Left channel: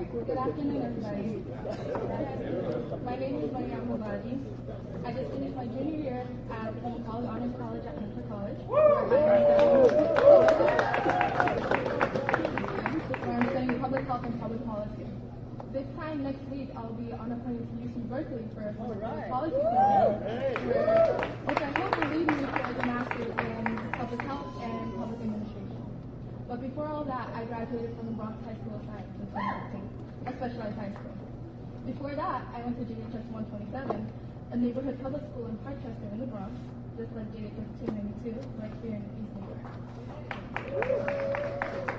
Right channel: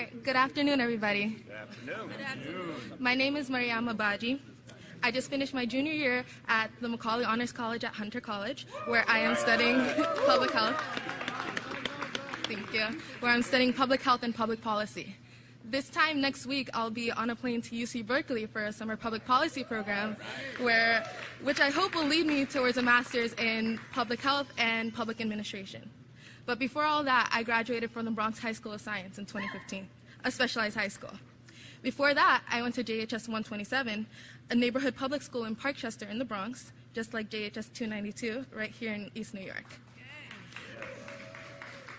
right, good afternoon, everybody. My name is Mariama Baji. I just finished my junior year at the Macaulay Honors College at Hunter College, where I am studying public health. Thank you. Where I'm studying public health and public policy. This time next week, I'll be on a plane to UC Berkeley for a summer public policy program, which I hope will lead me towards a master's in public health and public administration. But before all that, I graduated from the Bronx High School of Science in 2015, a specialized high school. Before that, I went to JHS 127, a neighborhood public school in Parkchester in the Bronx, just like JHS 292, right here in East New York.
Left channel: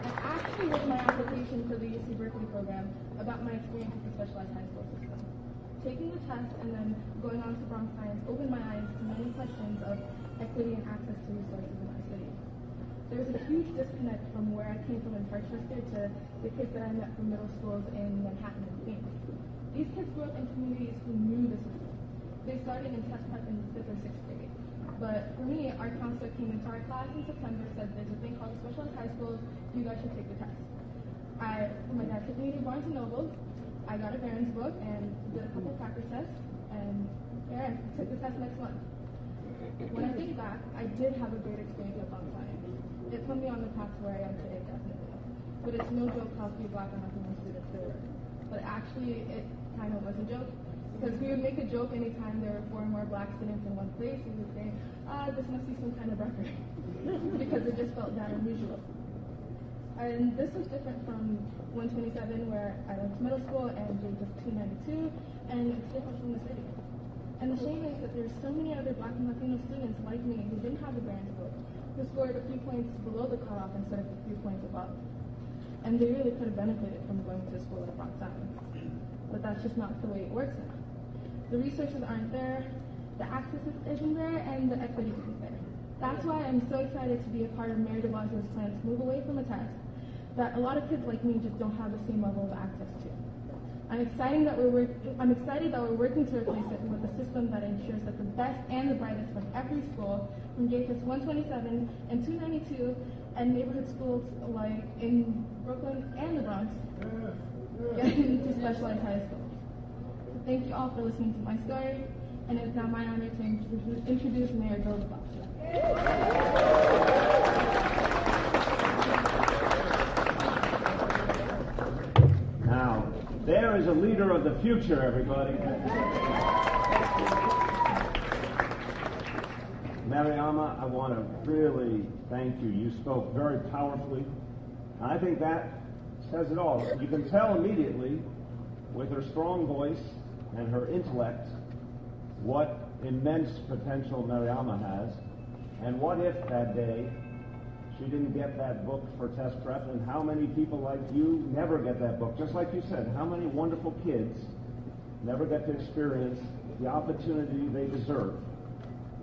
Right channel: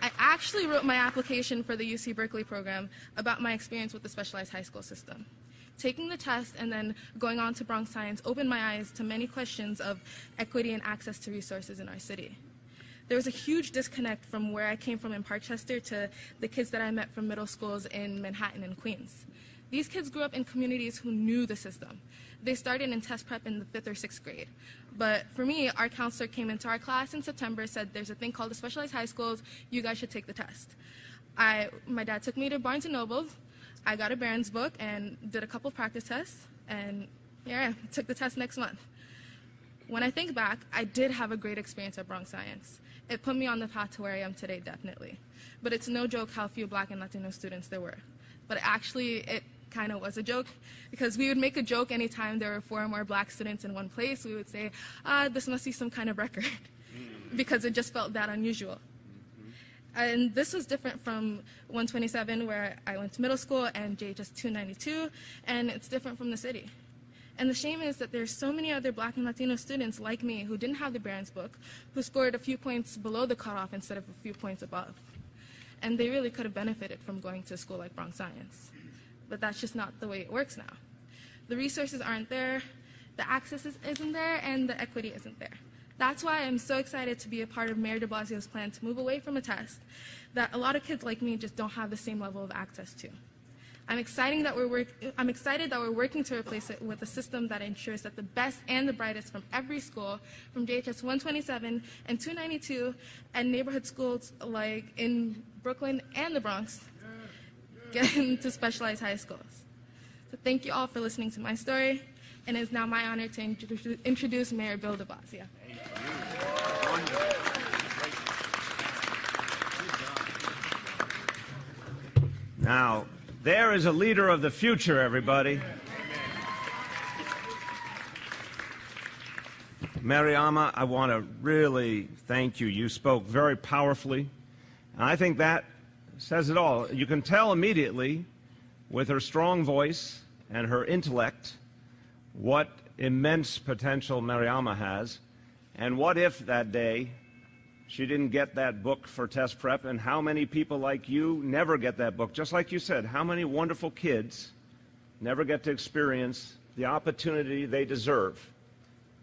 I actually wrote my application for the UC Berkeley program about my experience with the specialized high school system. Taking the test and then going on to Bronx Science opened my eyes to many questions of equity and access to resources in our city. There was a huge disconnect from where I came from in Parkchester to the kids that I met from middle schools in Manhattan and Queens. These kids grew up in communities who knew the system. They started in test prep in the 5th or 6th grade. But for me, our counselor came into our class in September, said there's a thing called the specialized high schools, you guys should take the test. My dad took me to Barnes & Noble, I got a Barron's book and did a couple practice tests, and yeah, took the test next month. When I think back, I did have a great experience at Bronx Science. It put me on the path to where I am today, definitely. But it's no joke how few Black and Latino students there were. But actually, it kind of was a joke, because we would make a joke anytime there were 4 or more Black students in one place. We would say, this must be some kind of record, because it just felt that unusual. And this was different from 127, where I went to middle school, and JHS 292, and it's different from the city. And the shame is that there's so many other Black and Latino students like me who didn't have the Barron's book, who scored a few points below the cutoff instead of a few points above. And they really could have benefited from going to school like Bronx Science. But that's just not the way it works now. The resources aren't there, the access isn't there, and the equity isn't there. That's why I'm so excited to be a part of Mayor de Blasio's plan to move away from a test that a lot of kids like me just don't have the same level of access to. I'm excited that we're working to replace it with a system that ensures that the best and the brightest from every school, from JHS 127 and 292, and neighborhood schools like in Brooklyn and the Bronx, get into specialized high schools. So thank you all for listening to my story, and it's now my honor to introduce Mayor Bill de Blasio. Now, there is a leader of the future, everybody. Mariama, I want to really thank you. You spoke very powerfully, and I think that says it all. You can tell immediately with her strong voice and her intellect what immense potential Mariama has, and what if that day she didn't get that book for test prep, and how many people like you never get that book. Just like you said, how many wonderful kids never get to experience the opportunity they deserve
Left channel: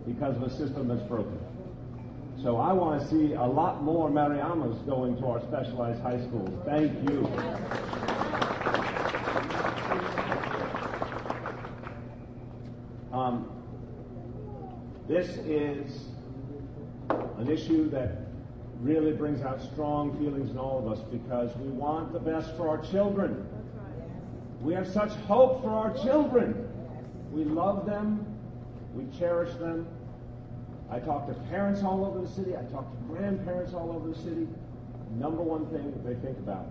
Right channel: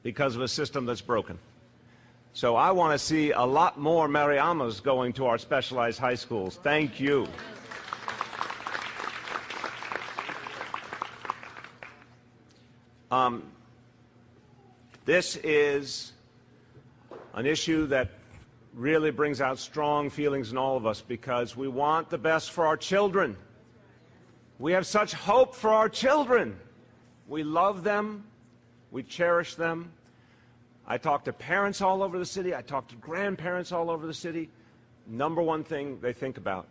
because of a system that's broken. So I want to see a lot more Mariamas going to our specialized high schools. Thank you. This is an issue that really brings out strong feelings in all of us, because we want the best for our children. We have such hope for our children. We love them. We cherish them. I talk to parents all over the city. I talk to grandparents all over the city. Number one thing they think about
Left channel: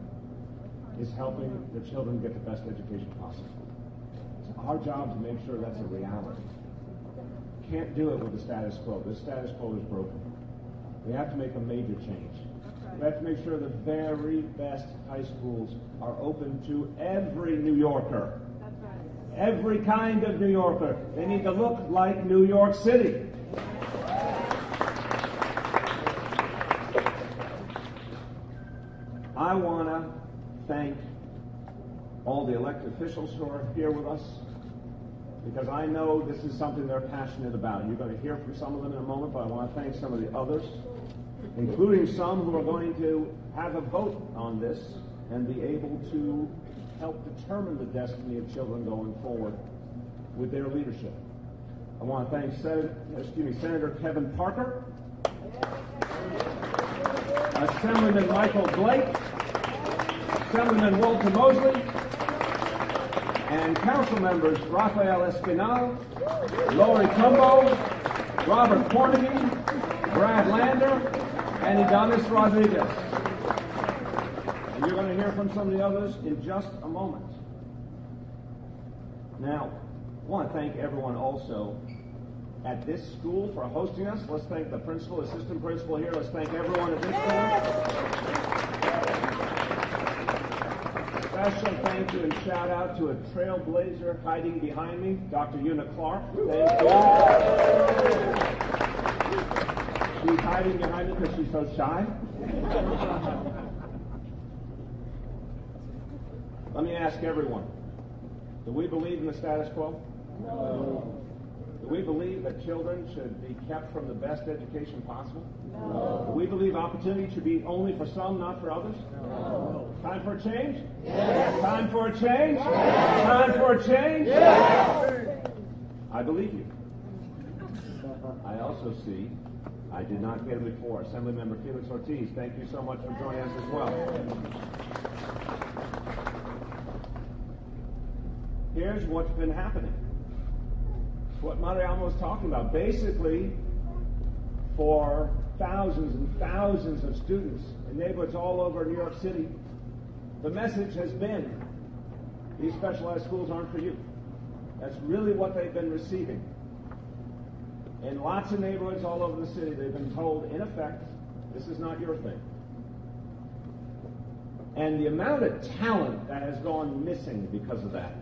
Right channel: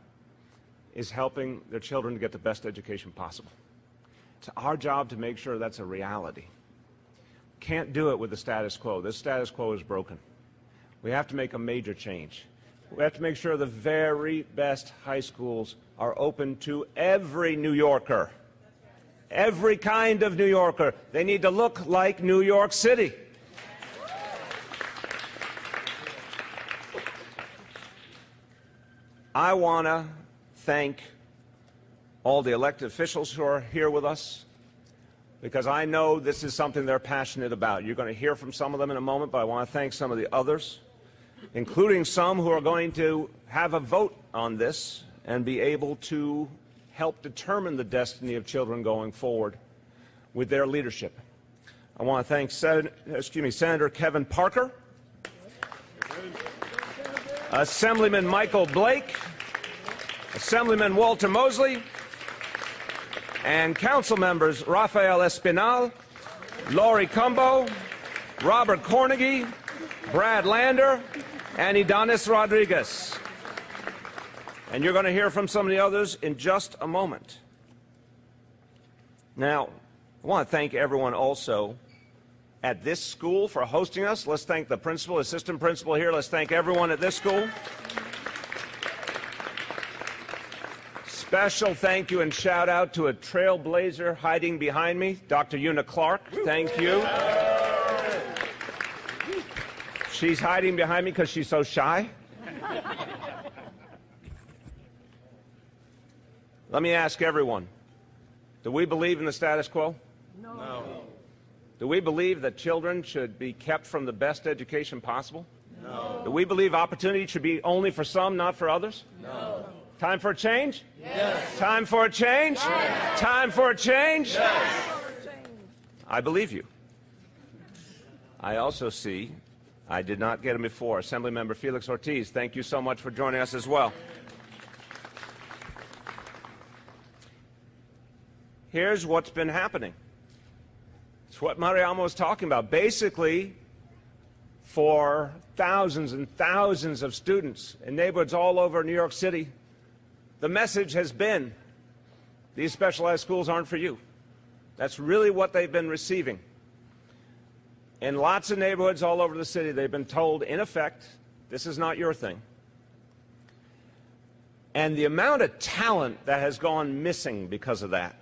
is helping their children to get the best education possible. It's our job to make sure that's a reality. Can't do it with the status quo. This status quo is broken. We have to make a major change. We have to make sure the very best high schools are open to every New Yorker. Every kind of New Yorker. They need to look like New York City. I want to thank all the elected officials who are here with us, because I know this is something they're passionate about. You're going to hear from some of them in a moment, but I want to thank some of the others, including some who are going to have a vote on this and be able to help determine the destiny of children going forward with their leadership. I want to thank Senator Kevin Parker, Assemblyman Michael Blake, Assemblyman Walter Mosley, and council members Rafael Espinal, Lori Cumbo, Robert Cornegie, Brad Lander, and Idanis Rodriguez. And you're going to hear from some of the others in just a moment. Now, I want to thank everyone also at this school for hosting us. Let's thank the principal, assistant principal here. Let's thank everyone at this school. Special thank you and shout out to a trailblazer hiding behind me, Dr. Una Clark. Thank you. She's hiding behind me because she's so shy. Let me ask everyone, do we believe in the status quo? No. Do we believe that children should be kept from the best education possible? No. Do we believe opportunity should be only for some, not for others? No. Time for a change? Yes. Time for a change? Yes. Time for a change? Yes. I believe you. I also see, I did not get him before, Assemblymember Felix Ortiz. Thank you so much for joining us as well. Here's what's been happening. It's what Mariamo was talking about. Basically, for thousands and thousands of students in neighborhoods all over New York City, the message has been, these specialized schools aren't for you. That's really what they've been receiving. In lots of neighborhoods all over the city, they've been told, in effect, this is not your thing. And the amount of talent that has gone missing because of that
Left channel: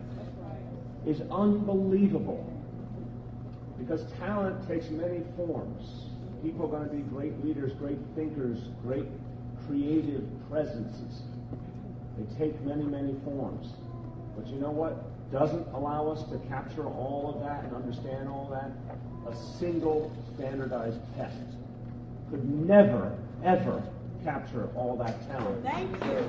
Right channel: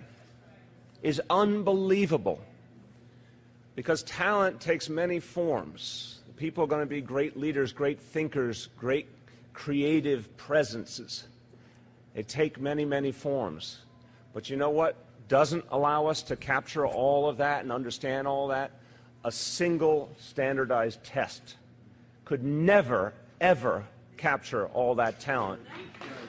is unbelievable. Because talent takes many forms. People are going to be great leaders, great thinkers, great creative presences. They take many, many forms. But you know what doesn't allow us to capture all of that and understand all that? A single standardized test could never, ever capture all that talent. Thank you.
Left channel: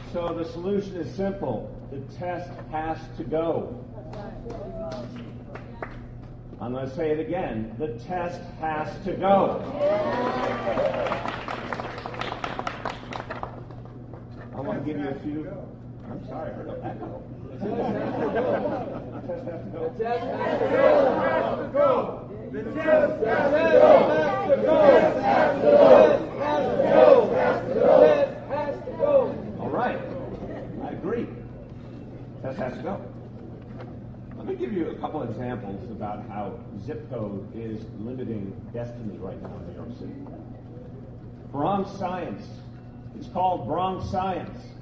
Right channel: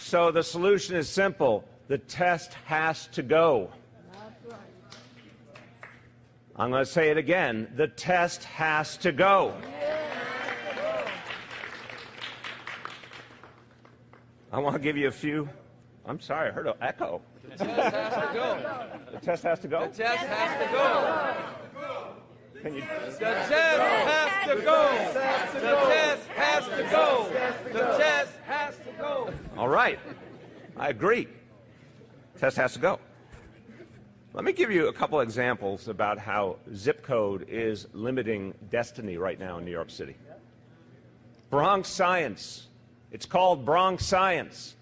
So the solution is simple. The test has to go. I'm going to say it again. The test has to go. I want to give you a few. I'm sorry, I heard an echo. The test has to go. The test has to go? The test has to go. The test has to go. The test has to go. The test has to go. All right. I agree. Test has to go. Let me give you a couple examples about how zip code is limiting destiny right now in New York City. Bronx Science. It's called Bronx Science.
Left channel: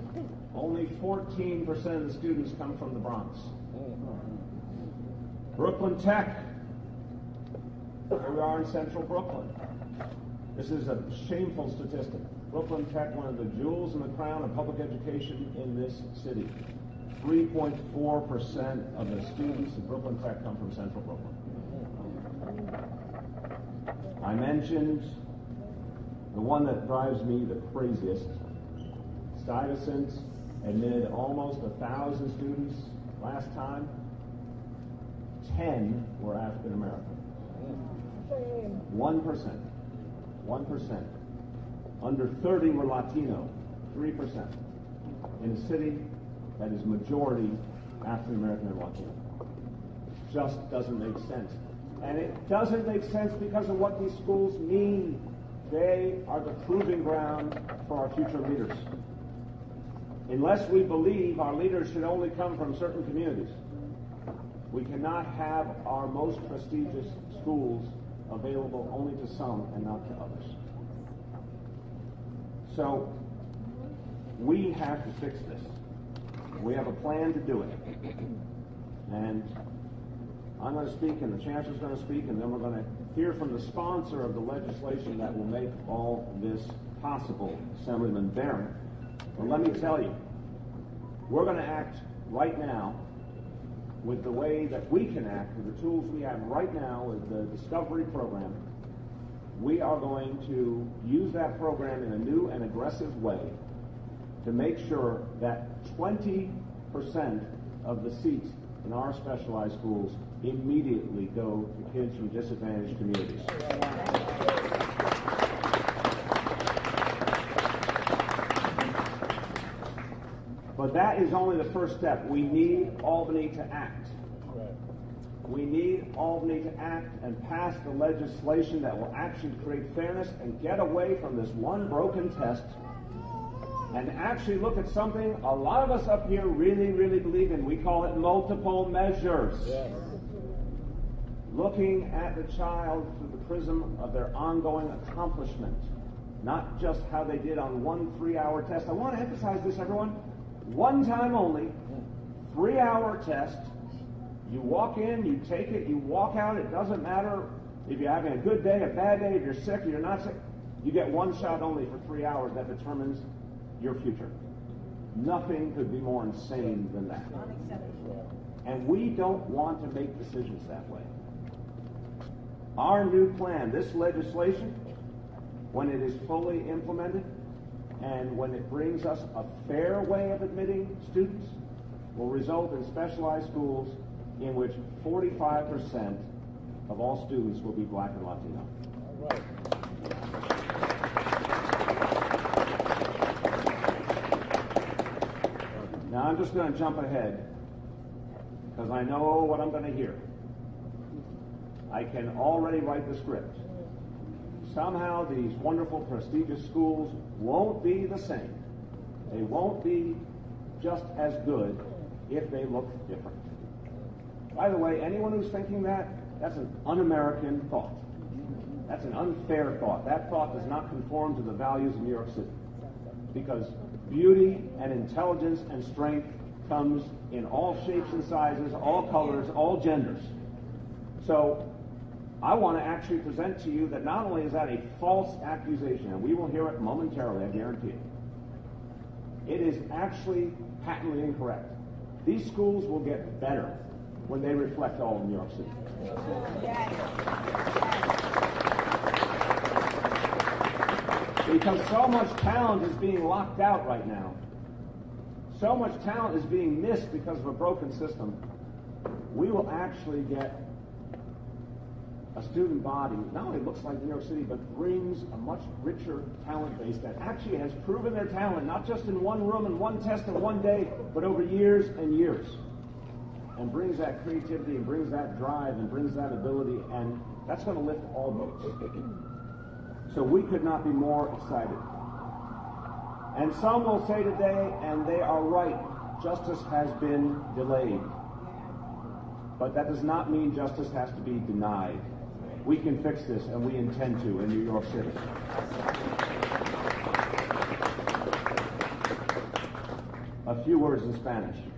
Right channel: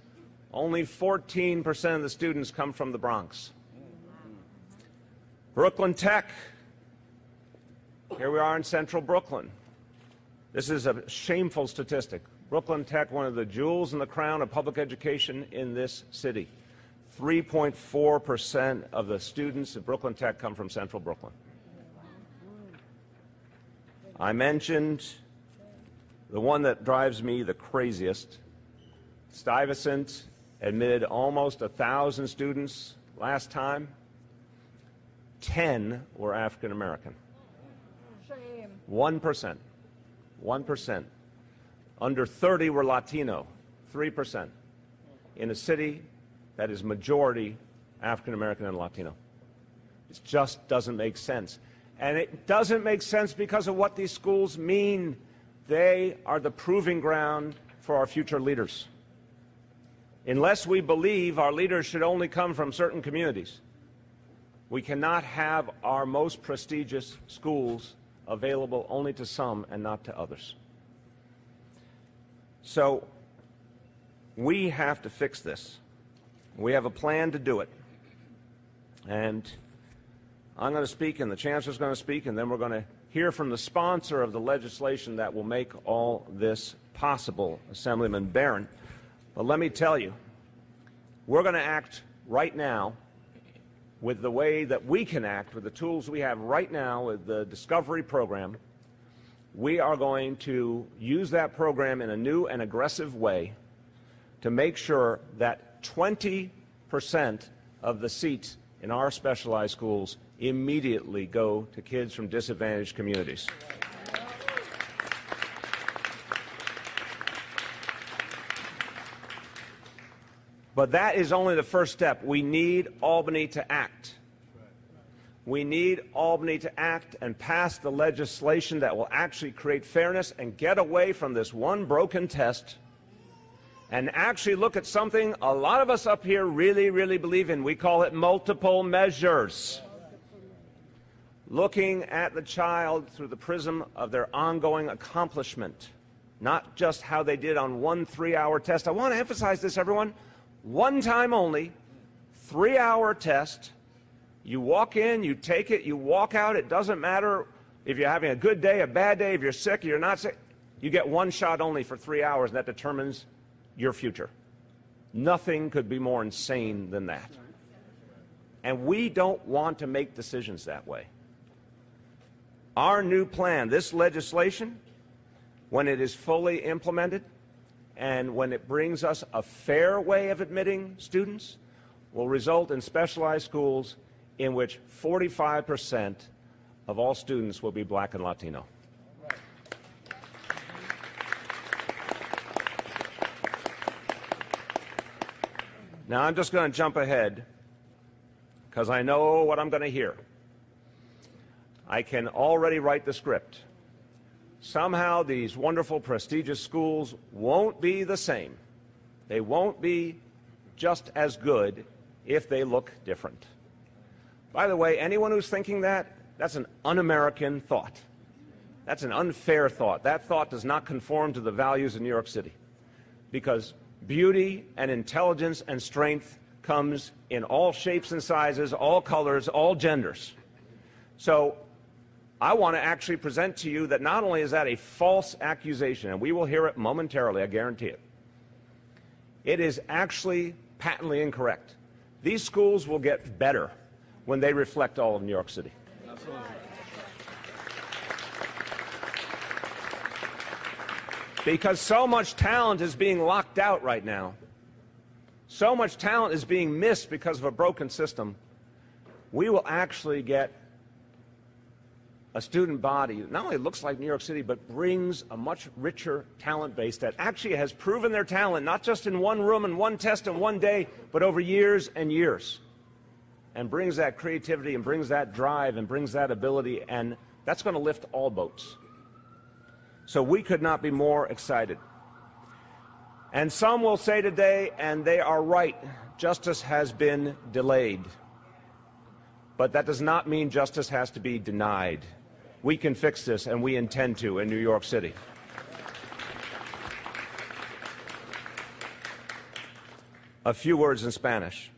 Only 14% of the students come from the Bronx. Brooklyn Tech. Here we are in central Brooklyn. This is a shameful statistic. Brooklyn Tech, one of the jewels in the crown of public education in this city. 3.4% of the students at Brooklyn Tech come from central Brooklyn. I mentioned the one that drives me the craziest. Stuyvesant admitted almost 1,000 students last time. 10 were African American. 1%. 1%. Under 30 were Latino. 3%. In a city that is majority African American and Latino. It just doesn't make sense. And it doesn't make sense because of what these schools mean. They are the proving ground for our future leaders. Unless we believe our leaders should only come from certain communities, we cannot have our most prestigious schools available only to some and not to others. So we have to fix this. We have a plan to do it. And I'm going to speak, and the Chancellor's going to speak, and then we're going to hear from the sponsor of the legislation that will make all this possible, Assemblyman Barron. But let me tell you, we're going to act right now with the way that we can act, with the tools we have right now with the Discovery program. We are going to use that program in a new and aggressive way to make sure that 20% of the seats in our specialized schools immediately go to kids from disadvantaged communities. But that is only the first step. We need Albany to act. We need Albany to act and pass the legislation that will actually create fairness and get away from this one broken test and actually look at something a lot of us up here really, really believe in. We call it multiple measures. Looking at the child through the prism of their ongoing accomplishment, not just how they did on one 3-hour test. I want to emphasize this, everyone. One time only, 3-hour test. You walk in, you take it, you walk out. It doesn't matter if you're having a good day, a bad day, if you're sick, you're not sick. You get one shot only for 3 hours. That determines your future. Nothing could be more insane than that. And we don't want to make decisions that way. Our new plan, this legislation, when it is fully implemented and when it brings us a fair way of admitting students, will result in specialized schools in which 45% of all students will be Black and Latino. Now I'm just going to jump ahead because I know what I'm going to hear. I can already write the script. Somehow these wonderful, prestigious schools won't be the same. They won't be just as good if they look different. By the way, anyone who's thinking that, that's an un-American thought. That's an unfair thought. That thought does not conform to the values of New York City. Because beauty and intelligence and strength comes in all shapes and sizes, all colors, all genders. So I want to actually present to you that not only is that a false accusation, and we will hear it momentarily, I guarantee it, it is actually patently incorrect. These schools will get better when they reflect all of New York City. Because so much talent is being locked out right now. So much talent is being missed because of a broken system. We will actually get a student body that not only looks like New York City, but brings a much richer talent base that actually has proven their talent, not just in one room and one test and one day, but over years and years. And brings that creativity and brings that drive and brings that ability, and that's going to lift all boats. So we could not be more excited. And some will say today, and they are right, justice has been delayed. But that does not mean justice has to be denied. We can fix this, and we intend to in New York City. A few words in Spanish.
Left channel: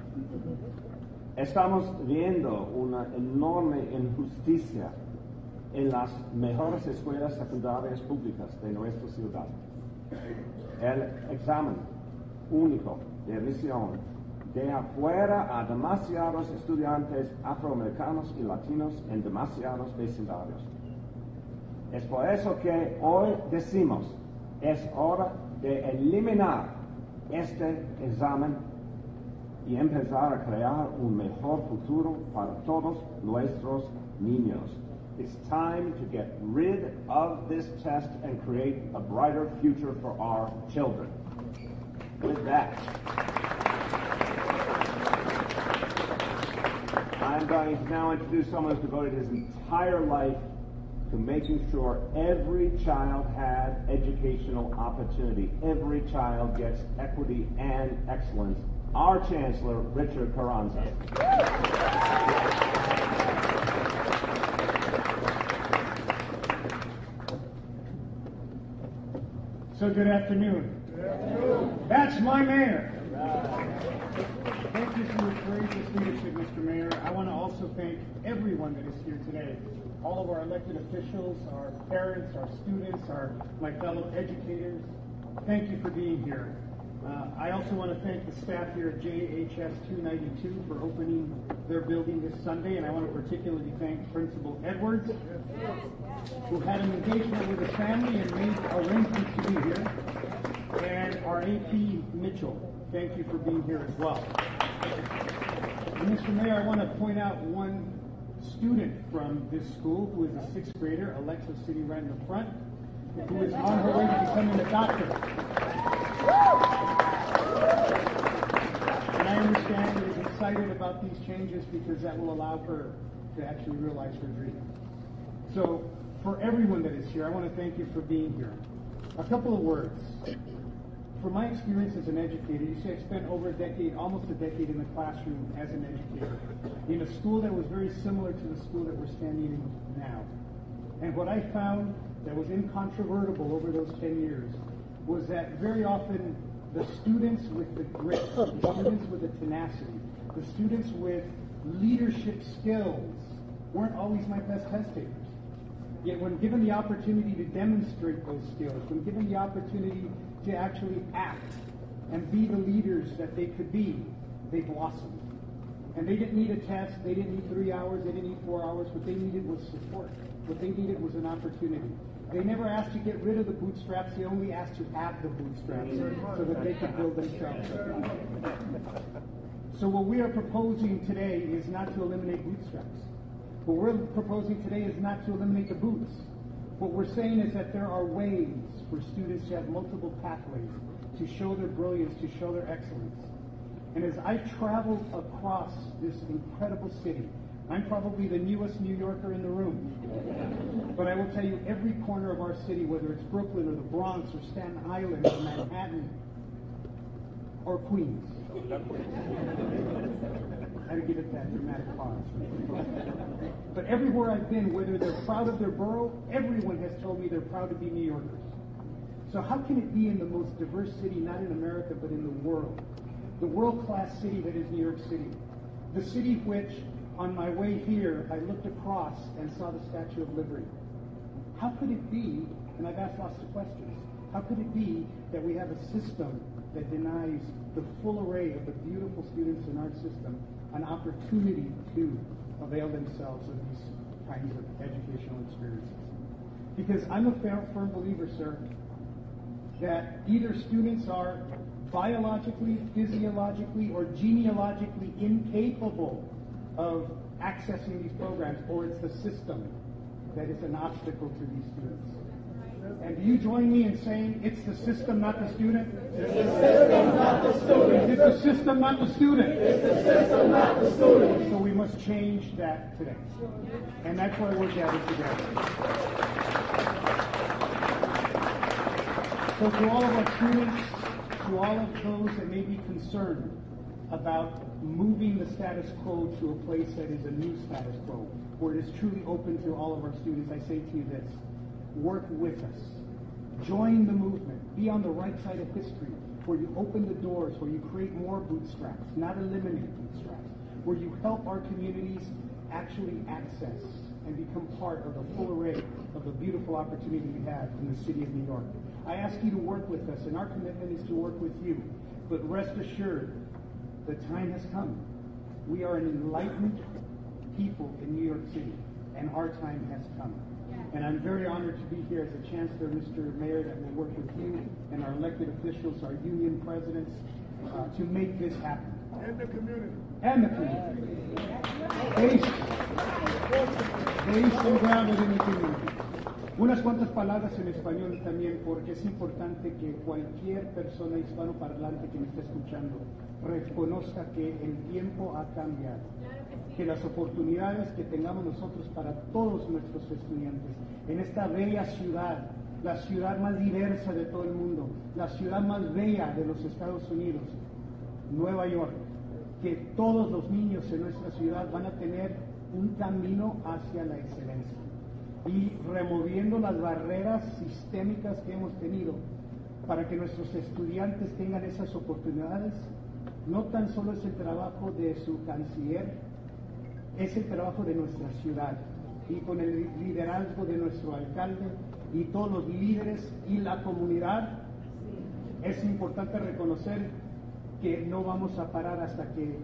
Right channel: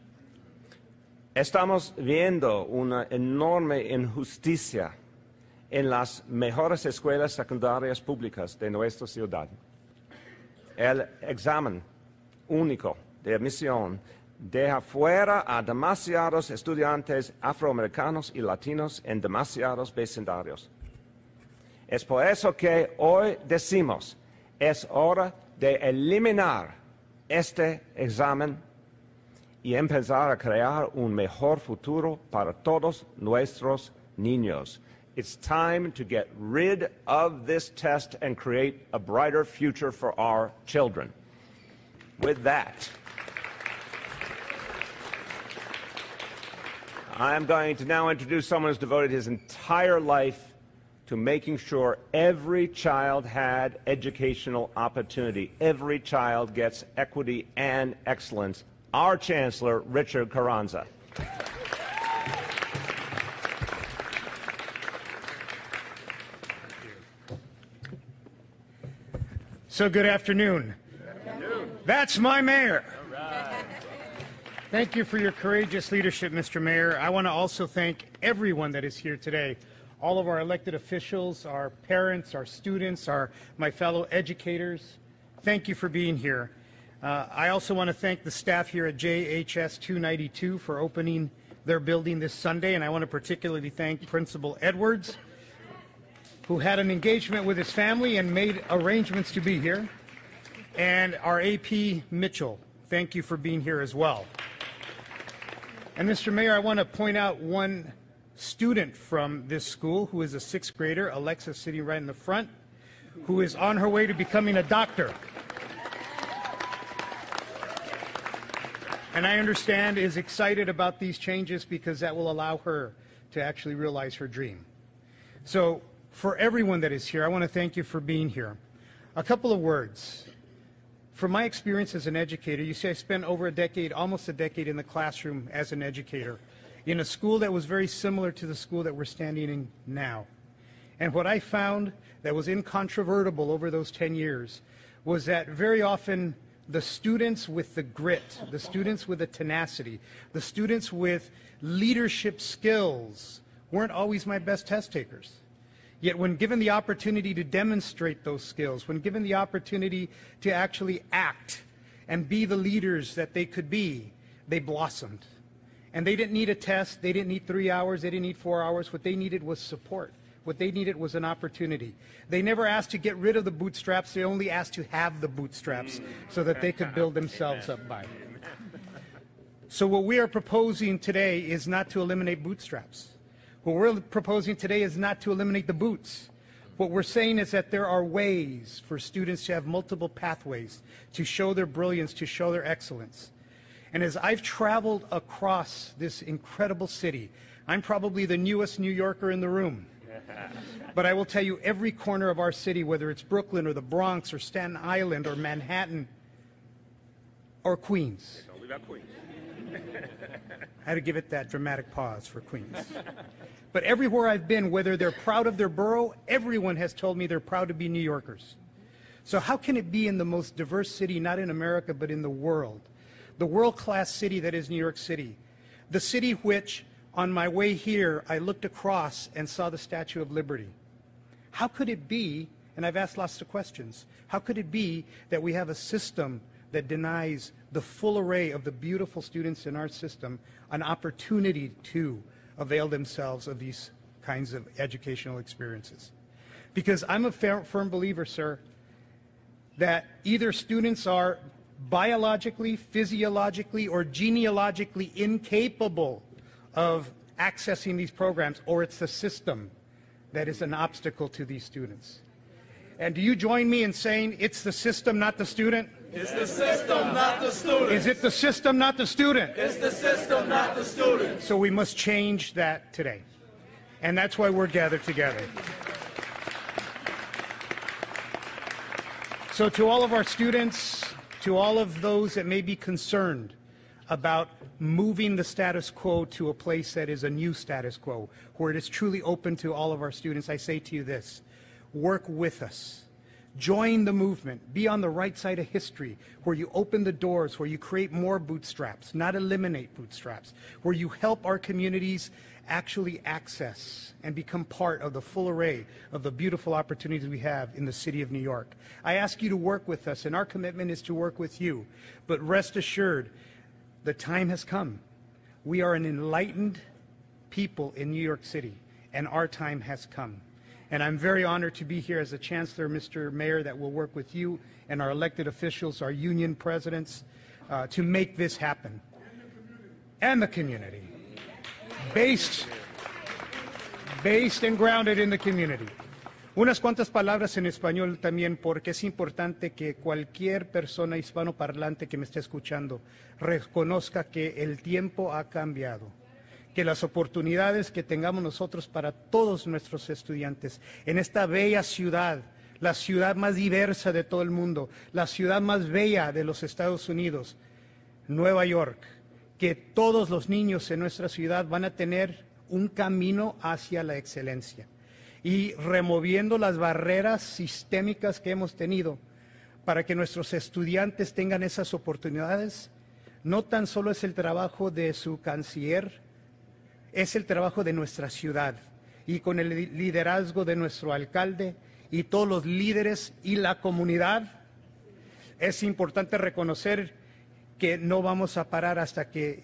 Estamos viendo una enorme injusticia en las mejores escuelas secundarias públicas de nuestra ciudad. El examen único de admisión deja fuera a demasiados estudiantes afroamericanos y latinos en demasiados vecindarios. Es por eso que hoy decimos, es hora de eliminar este examen y empezar a crear un mejor futuro para todos nuestros niños. It's time to get rid of this test and create a brighter future for our children. With that, I'm going to now introduce someone who's devoted his entire life to making sure every child had educational opportunity. Every child gets equity and excellence. Our Chancellor, Richard Carranza. So good afternoon. That's my mayor. Thank you for your courageous leadership, Mr. Mayor. I want to also thank everyone that is here today. All of our elected officials, our parents, our students, my fellow educators. Thank you for being here. I also want to thank the staff here at JHS 292 for opening their building this Sunday, and I want to particularly thank Principal Edwards, who had an engagement with his family and made arrangements to be here, and our AP Mitchell. Thank you for being here as well. And Mr. Mayor, I want to point out one student from this school who is a 6th grader, Alexa, sitting right in the front, who is on her way to becoming a doctor. understand, is excited about these changes because that will allow her to actually realize her dream. So for everyone that is here, I want to thank you for being here. A couple of words. From my experience as an educator, you see I spent over a decade, almost a decade in the classroom as an educator in a school that was very similar to the school that we're standing in now. And what I found that was incontrovertible over those 10 years was that very often the students with the grit, the students with the tenacity, the students with leadership skills weren't always my best test takers. Yet when given the opportunity to demonstrate those skills, when given the opportunity to actually act and be the leaders that they could be, they blossomed. And they didn't need a test, they didn't need 3 hours, they didn't need 4 hours. What they needed was support. What they needed was an opportunity. They never asked to get rid of the bootstraps, they only asked to have the bootstraps so that they could build themselves up by it. So what we are proposing today is not to eliminate bootstraps. What we're proposing today is not to eliminate the boots. What we're saying is that there are ways for students to have multiple pathways to show their brilliance, to show their excellence. And as I've traveled across this incredible city, I'm probably the newest New Yorker in the room. But I will tell you, every corner of our city, whether it's Brooklyn or the Bronx or Staten Island or Manhattan or Queens. I had to give it that dramatic pause for Queens. But everywhere I've been, whether they're proud of their borough, everyone has told me they're proud to be New Yorkers. So how can it be in the most diverse city, not in America, but in the world-class city that is New York City, the city which, on my way here, I looked across and saw the Statue of Liberty. How could it be, and I've asked lots of questions, how could it be that we have a system that denies the full array of the beautiful students in our system an opportunity to avail themselves of these kinds of educational experiences? Because I'm a firm believer, sir, that either students are biologically, physiologically, or genealogically incapable of accessing these programs, or it's the system that is an obstacle to these students. And do you join me in saying it's the system, not the student? It's the system, not the student. Is it the system, not the student? It's the system, not the student. So we must change that today. And that's why we're gathered together. So to all of our students, to all of those that may be concerned about moving the status quo to a place that is a new status quo, where it is truly open to all of our students, I say to you this: work with us. Join the movement. Be on the right side of history, where you open the doors, where you create more bootstraps, not eliminate bootstraps, where you help our communities actually access and become part of the full array of the beautiful opportunities we have in the city of New York. I ask you to work with us, and our commitment is to work with you. But rest assured, the time has come. We are an enlightened people in New York City, and our time has come. And I'm very honored to be here as a chancellor, Mr. Mayor, that will work with you and our elected officials, our union presidents, to make this happen. And the community. Based and grounded in the community. Unas cuantas palabras en español también, porque es importante que cualquier persona hispanoparlante que me esté escuchando reconozca que el tiempo ha cambiado, que las oportunidades que tengamos nosotros para todos nuestros estudiantes en esta bella ciudad, la ciudad más diversa de todo el mundo, la ciudad más bella de los Estados Unidos, Nueva York, que todos los niños en nuestra ciudad van a tener un camino hacia la excelencia. Y removiendo las barreras sistémicas que hemos tenido para que nuestros estudiantes tengan esas oportunidades, no tan solo es el trabajo de su canciller, es el trabajo de nuestra ciudad, y con el liderazgo de nuestro alcalde y todos los líderes y la comunidad. Es importante reconocer que no vamos a parar hasta que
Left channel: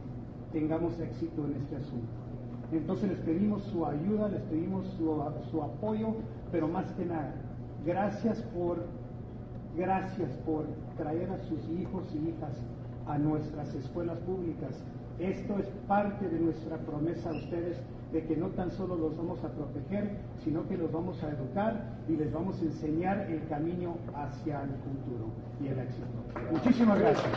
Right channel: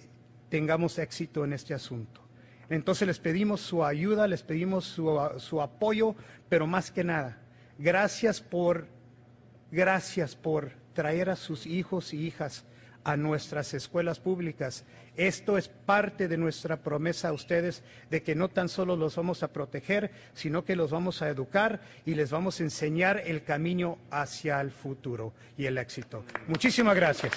tengamos éxito en este asunto. Entonces les pedimos su ayuda, les pedimos su apoyo, pero más que nada, gracias por traer a sus hijos y hijas a nuestras escuelas públicas. Esto es parte de nuestra promesa a ustedes de que no tan solo los vamos a proteger, sino que los vamos a educar y les vamos a enseñar el camino hacia el futuro y el éxito. Muchísimas gracias.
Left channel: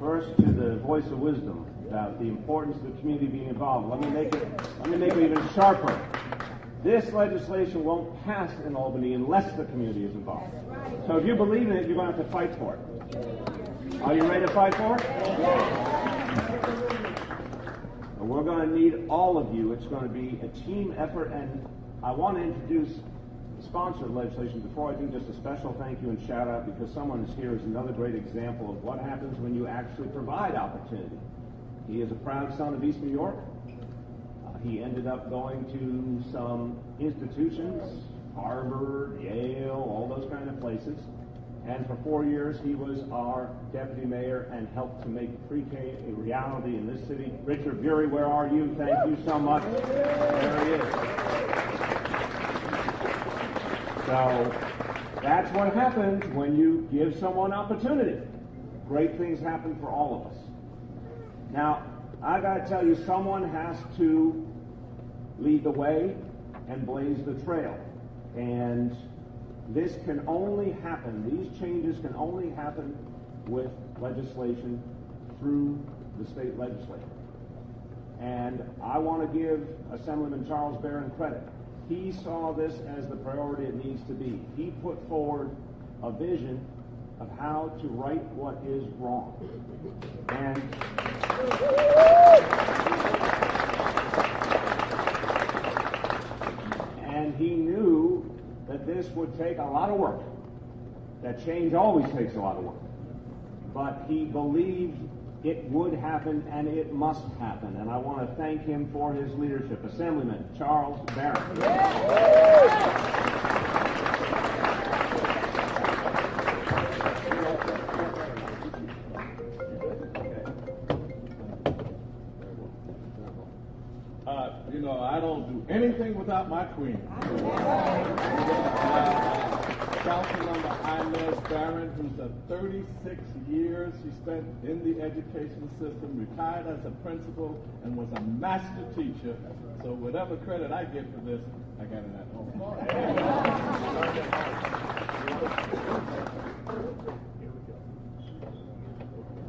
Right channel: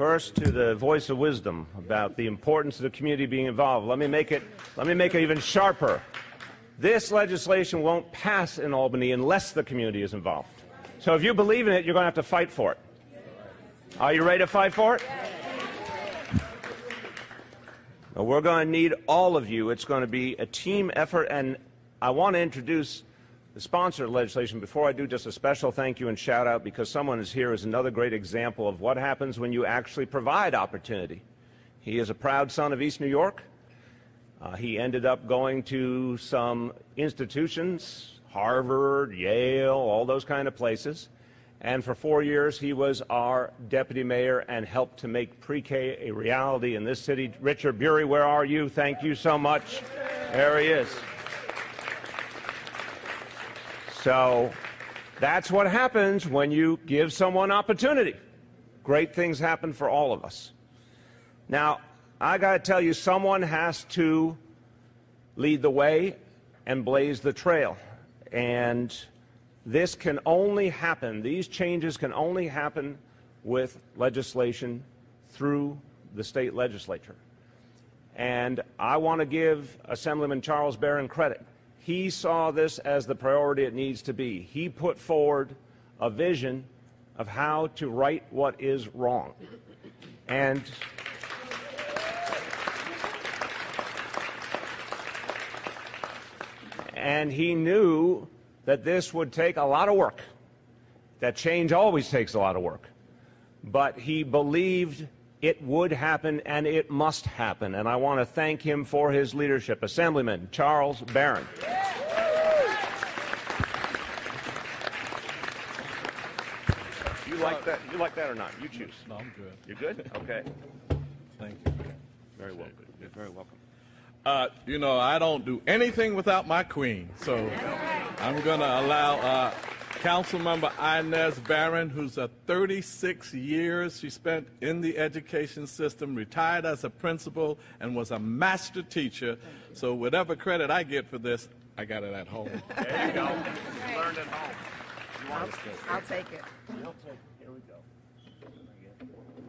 First, to the voice of wisdom about the importance of the community being involved. Let me make it even sharper. This legislation won't pass in Albany unless the community is involved. So if you believe in it, you're going to have to fight for it. Are you ready to fight for it? We're going to need all of you. It's going to be a team effort, and I want to introduce the sponsor of legislation. Before I do, just a special thank you and shout out, because someone is here is another great example of what happens when you actually provide opportunity. He is a proud son of East New York. He ended up going to some institutions, Harvard, Yale, all those kind of places. And for 4 years, he was our deputy mayor and helped to make pre-K a reality in this city. Richard Bury, where are you? Thank you so much. There he is. So that's what happens when you give someone opportunity. Great things happen for all of us. Now, I got to tell you, someone has to lead the way and blaze the trail. And this can only happen, these changes can only happen with legislation through the state legislature. And I want to give Assemblyman Charles Barron credit. He saw this as the priority it needs to be. He put forward a vision of how to right what is wrong. And he knew that this would take a lot of work, that change always takes a lot of work. But he believed it would happen and it must happen, and I want to thank him for his leadership. Assemblyman Charles Barron. You like that or not? You choose. You good? Okay. Thank you. Very well. Very well. You know, I don't do anything without my queen, so I'm going to allow Councilmember Inez Barron, who's 36 years she spent in the education system, retired as a principal, and was a master teacher. So whatever credit I get for this, I got it at home. There you go. Learned at home. I'll take it.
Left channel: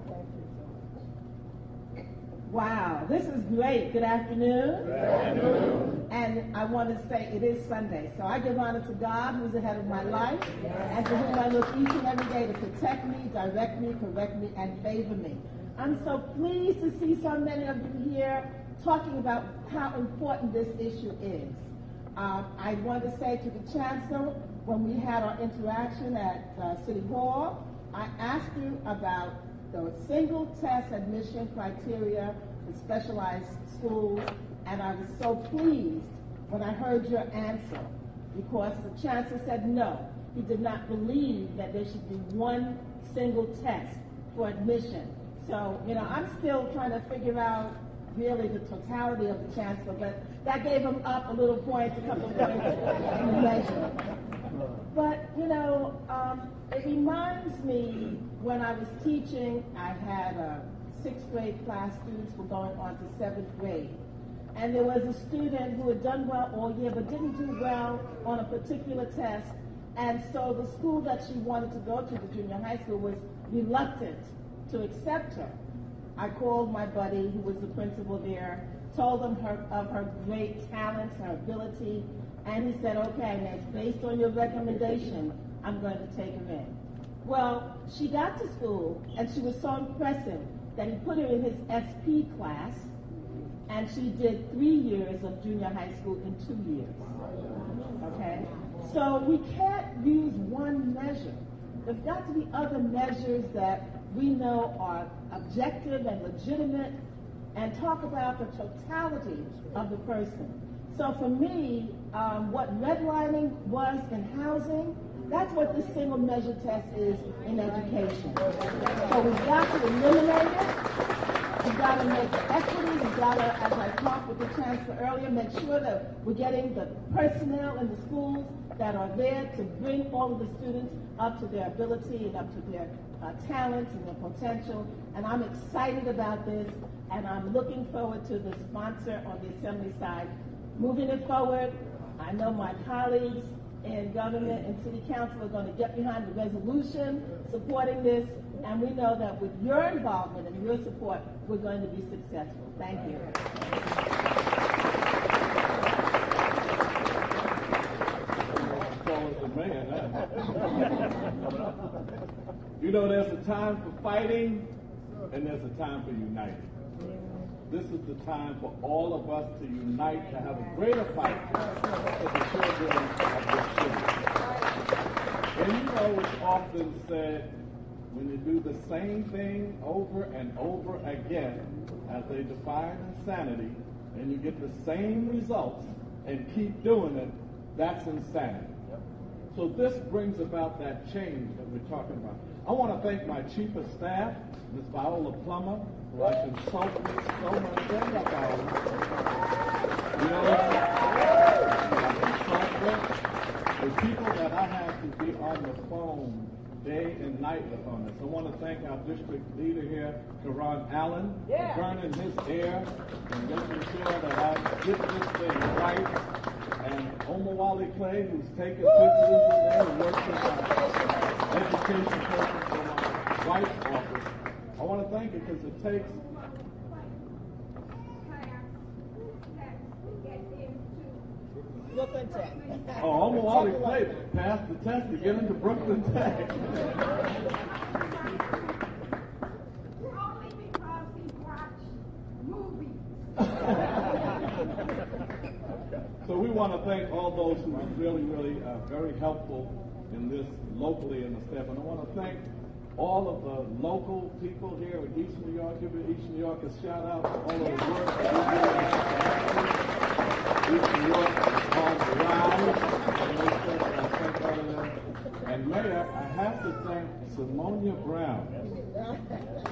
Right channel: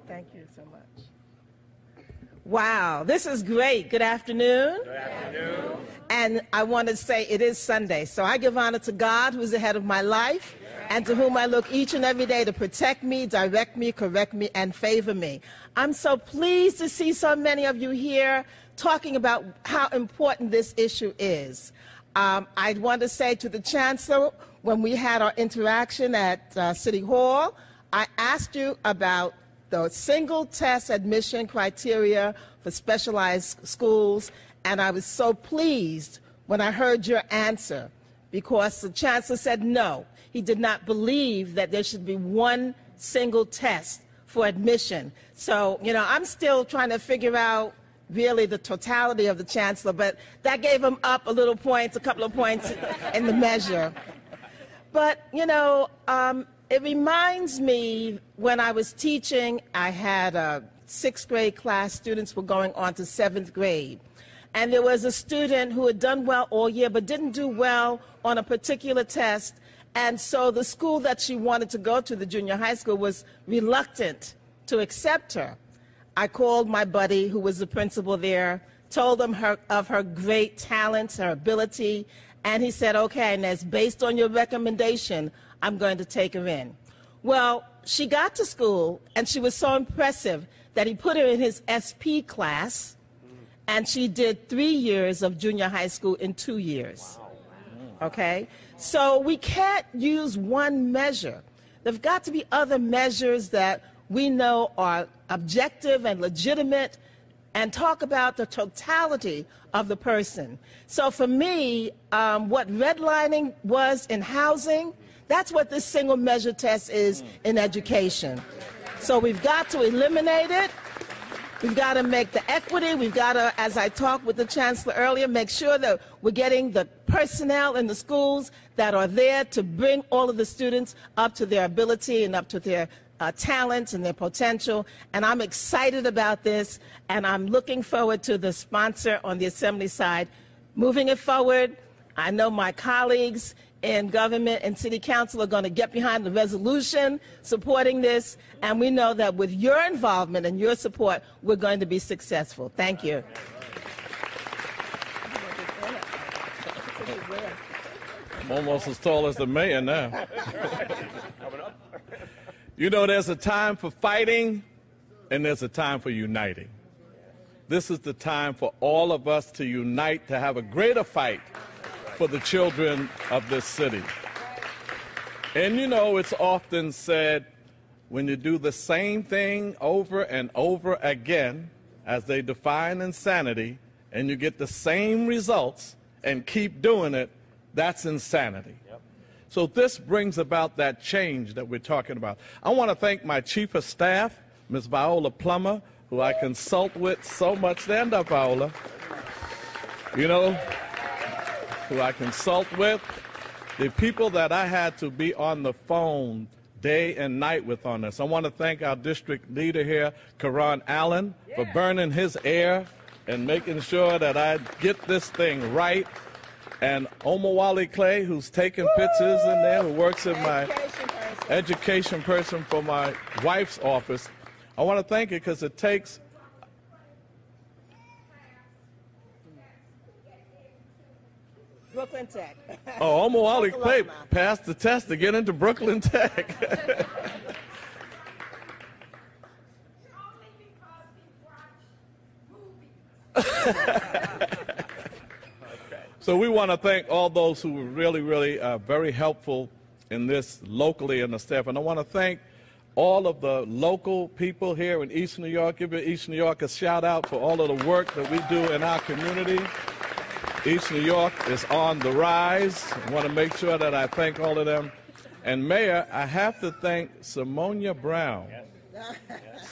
Thank you so much. Wow, this is great. Good afternoon. Good afternoon. And I want to say it is Sunday, so I give honor to God, who's the head of my life, and to whom I look each and every day to protect me, direct me, correct me, and favor me. I'm so pleased to see so many of you here talking about how important this issue is. I want to say to the Chancellor, when we had our interaction at City Hall, I asked you about the single test admission criteria for specialized schools, and I was so pleased when I heard your answer, because the Chancellor said no. He did not believe that there should be one single test for admission. So, you know, I'm still trying to figure out really the totality of the Chancellor, but that gave him up a little points, a couple of points in the measure. But, you know, it reminds me when I was teaching, I had a 6th grade class, students were going on to 7th grade. And there was a student who had done well all year but didn't do well on a particular test. And so the school that she wanted to go to, the junior high school, was reluctant to accept her. I called my buddy who was the principal there, told him of her great talents, her ability, and he said, okay, Inez, based on your recommendation, I'm going to take her in. Well, she got to school, and she was so impressive that he put her in his SP class, and she did 3 years of junior high school in 2 years, okay? So we can't use one measure. There've got to be other measures that we know are objective and legitimate and talk about the totality of the person. So for me, what redlining was in housing, that's what this single measure test is in education. So we've got to eliminate it. We've got to make the equity. We've got to, as I talked with the Chancellor earlier, make sure that we're getting the personnel in the schools that are there to bring all of the students up to their ability and up to their talents and their potential. And I'm excited about this, and I'm looking forward to the sponsor on the Assembly side moving it forward. I know my colleagues in government and city council are going to get behind the resolution supporting this, and we know that with your involvement and your support, we're going to be successful. Thank you. Almost as tall as the mayor now. You know, there's a time for fighting and there's a time for uniting. This is the time for all of us to unite, to have a greater fight for the children of this city. And you know, it's often said, when you do the same thing over and over again, as they define insanity, and you get the same results and keep doing it, that's insanity. So this brings about that change that we're talking about. I want to thank my chief of staff, Ms. Viola Plummer, who I consult with so much. Stand up, Viola. You know, who I consult with. The people that I had to be on the phone day and night with on this. I want to thank our district leader here, Karan Allen, for burning his air and making sure that I get this thing right. And Omawali Clay, who's taking pictures in there, who works in my education person for my wife's office. I want to thank you because it takes... Brooklyn Tech. Oh, Omawali Clay passed the test to get into Brooklyn Tech. So we want to thank all those who were really, really very helpful in this locally and the staff. And I want to thank all of the local people here in East New York. Give East New York a shout out for all of the work that we do in our community. East New York is on the rise. I want to make sure that I thank all of them. And Mayor, I have to thank Simonia Brown.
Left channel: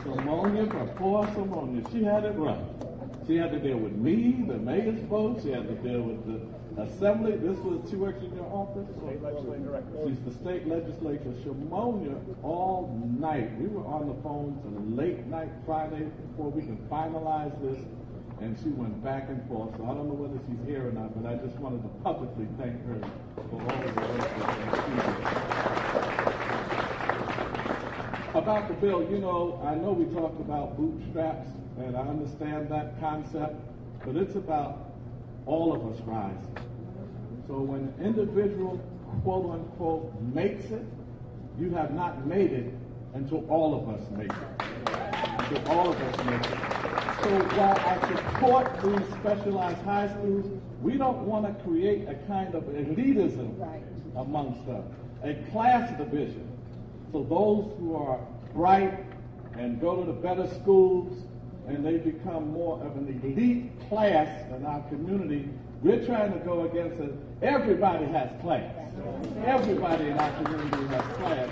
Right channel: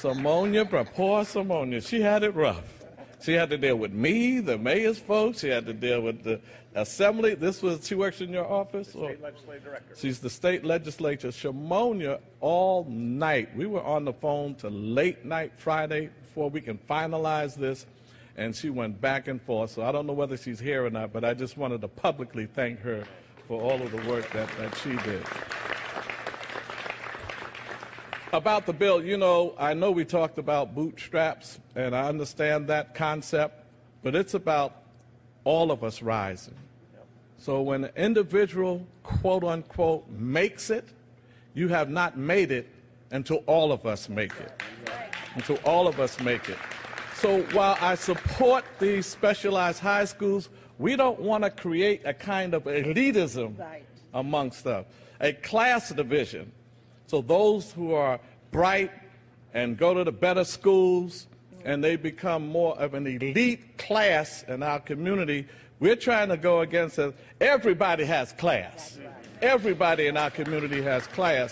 Simonia Brown, poor Simonia, she had it rough. She had to deal with me, the mayor's folks. She had to deal with the assembly. She works in your office? State legislative director. She's the state legislature. Shimonia, all night. We were on the phone till late night Friday before we can finalize this, and she went back and forth. So I don't know whether she's here or not, but I just wanted to publicly thank her for all of the work that she did. About the bill, you know, I know we talked about bootstraps, and I understand that concept, but it's about all of us rising. So when an individual, quote unquote, makes it, you have not made it until all of us make it. Until all of us make it. So while I support these specialized high schools, we don't want to create a kind of elitism amongst them, a class division. So those who are bright and go to the better schools and they become more of an elite class in our community, we're trying to go against it. Everybody has class. Everybody in our community has class.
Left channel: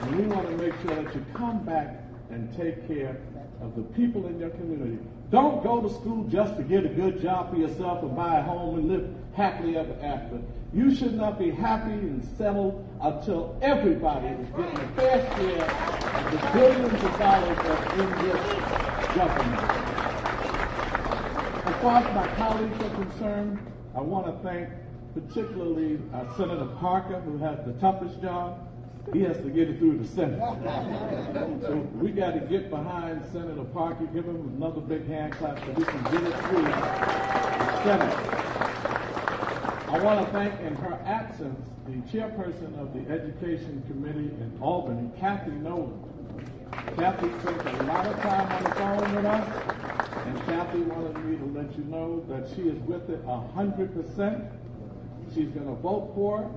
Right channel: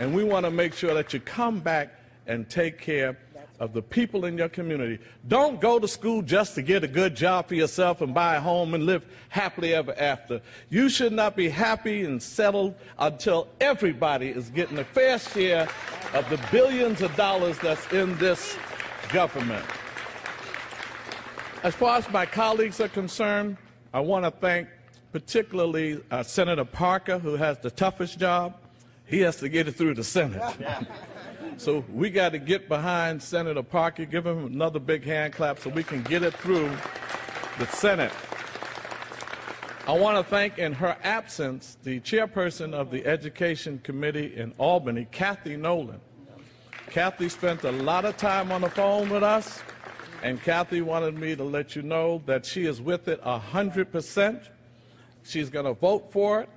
And we want to make sure that you come back and take care of the people in your community. Don't go to school just to get a good job for yourself and buy a home and live happily ever after. You should not be happy and settled until everybody is getting a fair share of the billions of dollars that's in this government. As far as my colleagues are concerned, I want to thank particularly Senator Parker, who has the toughest job. He has to get it through the Senate. So we got to get behind Senator Parker, give him another big hand clap so we can get it through the Senate. I want to thank, in her absence, the chairperson of the Education Committee in Albany, Kathy Nolan. Kathy spent a lot of time on the phone with us, and Kathy wanted me to let you know that she is with it 100%. She's going to vote for it.